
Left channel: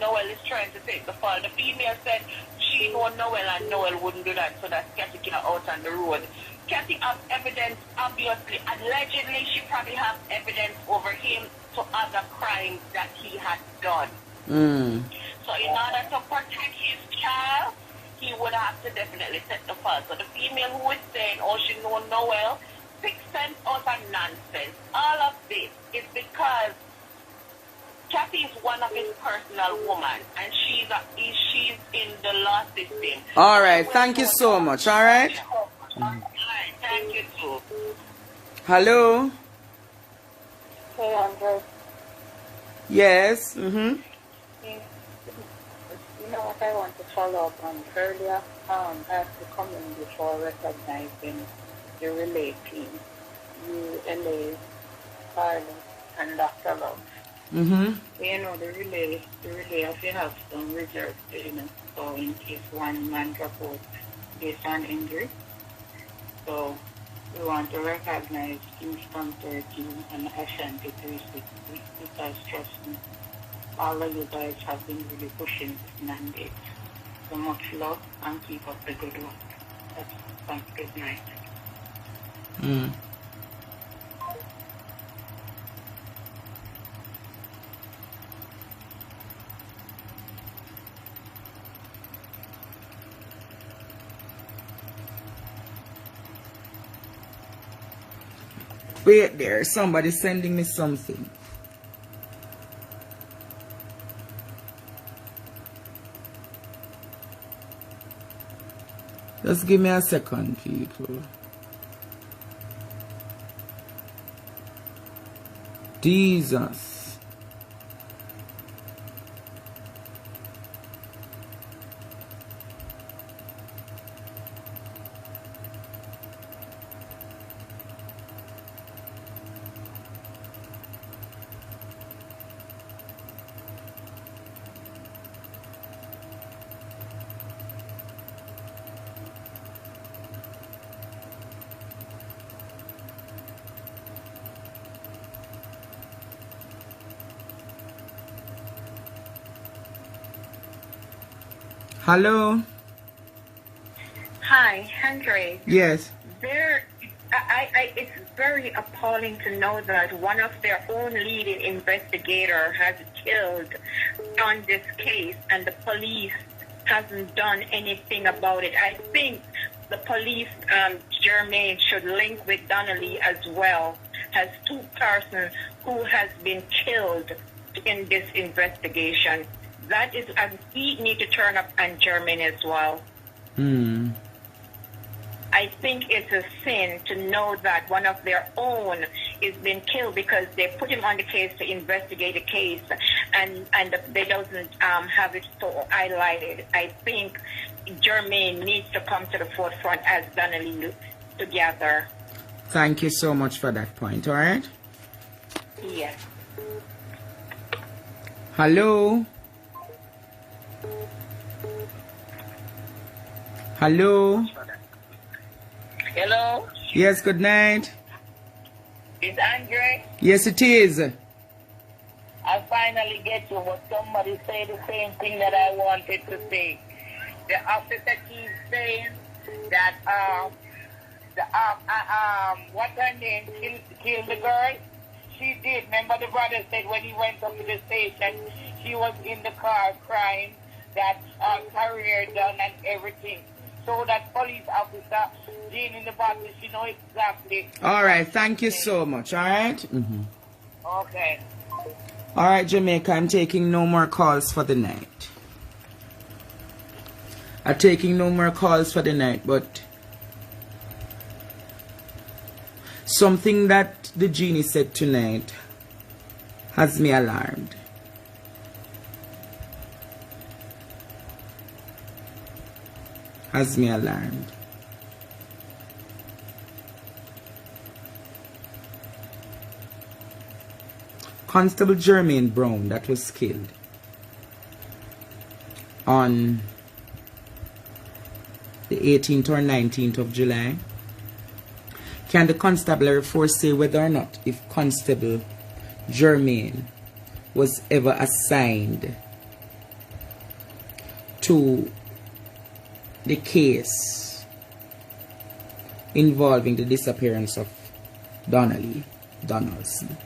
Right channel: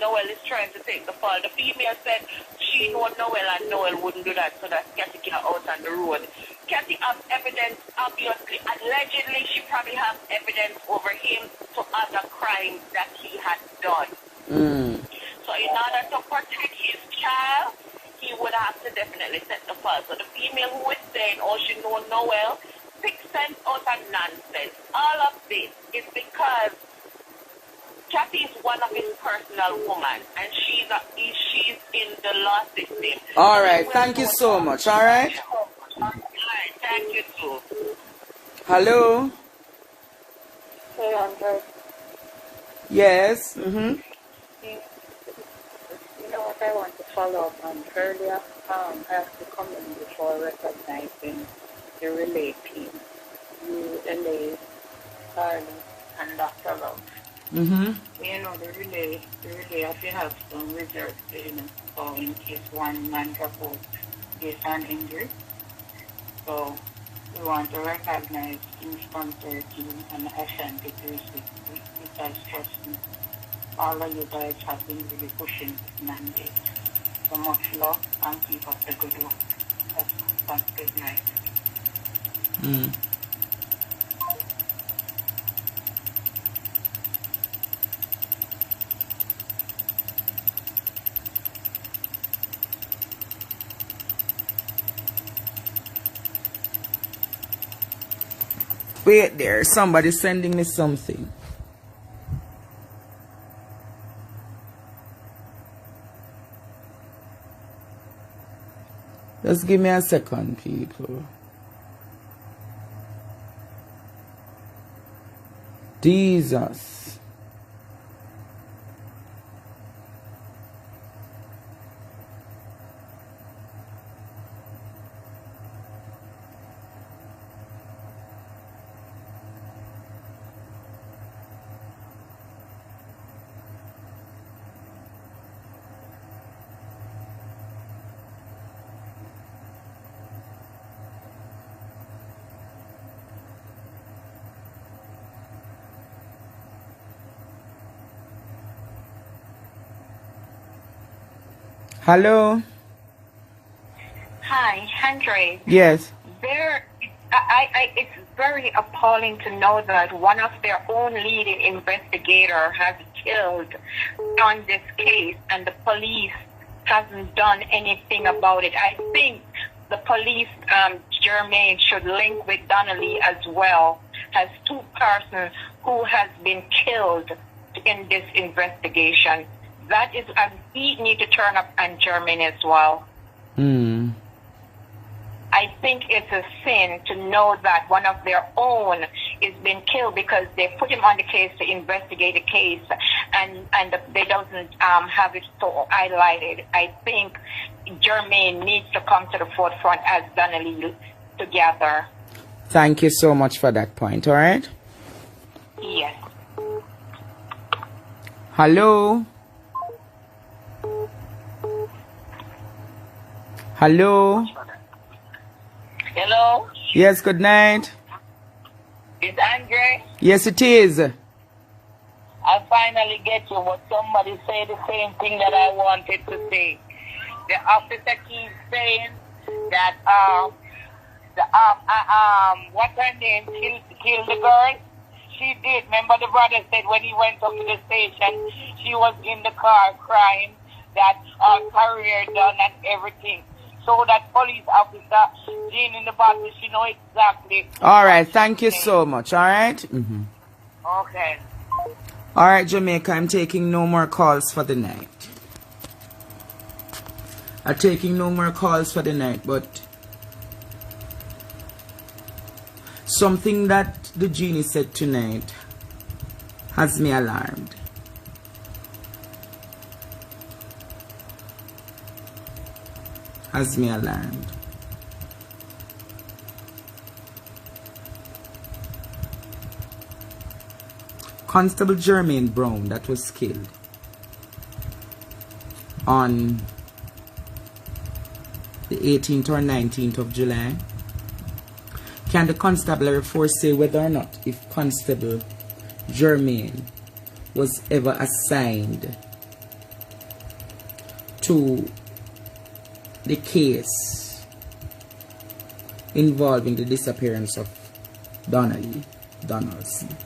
Noel is trying to take the fall. The female said she know Noel and Noel wouldn't do that, so that Kathy can out on the road. Kathy has evidence, obviously. Allegedly, she probably has evidence over him to other crimes that he had done. So in order to protect his child, he would have to definitely set the fall. So the female who is saying, oh, she know Noel, 6 cents out of nonsense. All of this is because Kathy is one of his personal women, and she's in the law system. All right, thank you so much. All right. Thank you too. Hello. Hey, Andrew. Yes. You know what I want to follow up on earlier? I have to come in before recognizing the relay team. You, LA, Carlos, and Dr. Love. You know, the relay have to have some reserve payments for in case one man drop out based on injury. So we want to recognize Team Sponsor Team and Ashanti 360 because trust me, all of you guys have been really pushing this mandate. So much love and keep up the good work. That's good night. Wait there, somebody sending me something. Just give me a second, people. Jesus. Hello? Hi, Henry. Yes. It's very appalling to know that one of their own leading investigator has killed on this case and the police hasn't done anything about it. I think the police, Jermaine, should link with Donna Lee as well as 2 persons who has been killed in this investigation. That is, we need to turn up on Jermaine as well. I think it's a sin to know that one of their own is being killed because they put him on the case to investigate the case and they doesn't have it so highlighted. I think Jermaine needs to come to the forefront as Donna Lee together. Thank you so much for that point, all right? Yes. Hello? Hello? Hello? Yes, good night. Is Andre? Yes, it is. I finally get you, but somebody said the same thing that I wanted to say. The officer keeps saying that what's her name killed the girl. She did. Remember the brother said when he went up to the station, she was in the car crying that career done and everything. So that police officer, Genie in the box, she know exactly. All right, thank you so much, all right? Okay. All right, Jamaica, I'm taking no more calls for the night. I'm taking no more calls for the night, but something that the Genie said tonight has me alarmed. Has me alarmed. Constable Jermaine Brown that was killed on the 18th or 19th of July. Can the constabulary force say whether or not if Constable Jermaine was ever assigned to the case involving the disappearance of Donna Lee Donaldson.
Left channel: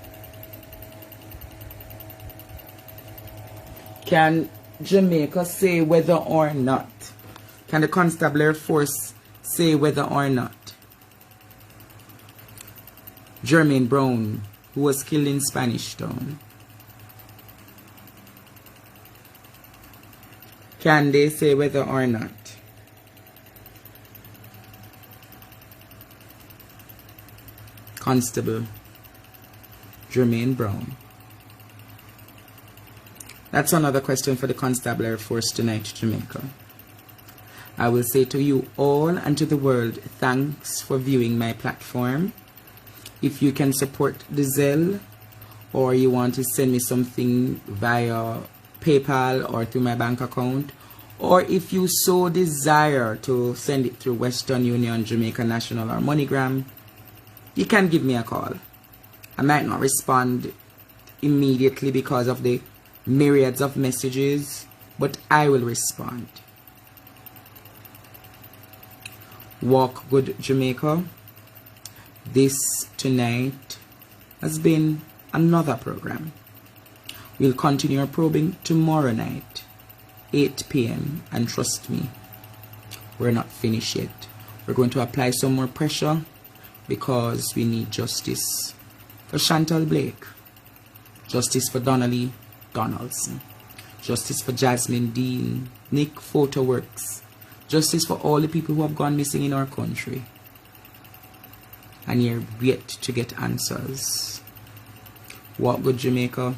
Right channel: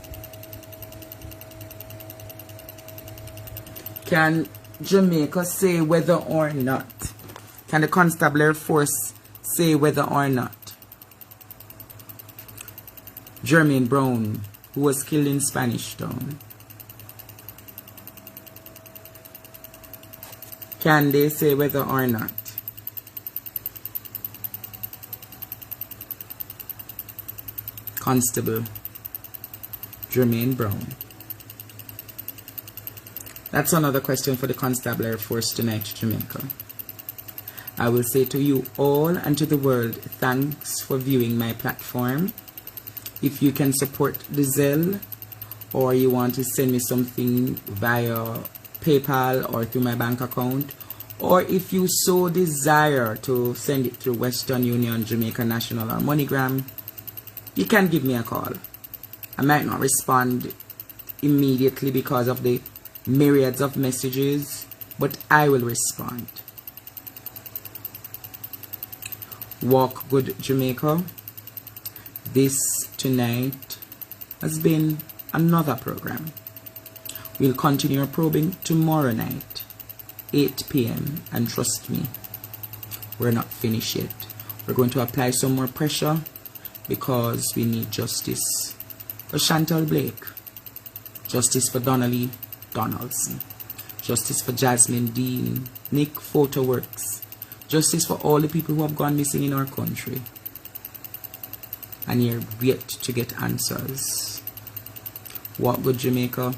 Can Jamaica say whether or not? Can the Constabulary Force say whether or not Jermaine Brown, who was killed in Spanish Town, can they say whether or not Constable Jermaine Brown? That's another question for the Constabulary Force tonight, Jamaica. I will say to you all and to the world, thanks for viewing my platform. If you can support the Zelle, or you want to send me something via PayPal or through my bank account, or if you so desire to send it through Western Union, Jamaica National, or MoneyGram, you can give me a call. I might not respond immediately because of the myriads of messages, but I will respond. Walk good, Jamaica. This tonight has been another program. We'll continue our probing tomorrow night, 8 p.m. and trust me, we're not finished yet. We're going to apply some more pressure because we need justice for Chantal Blake, justice for Donna Lee Donaldson, justice for Jasmine Dean, Nick Photoworks, justice for all the people who have gone missing in our country and you're yet to get answers. What would Jamaica?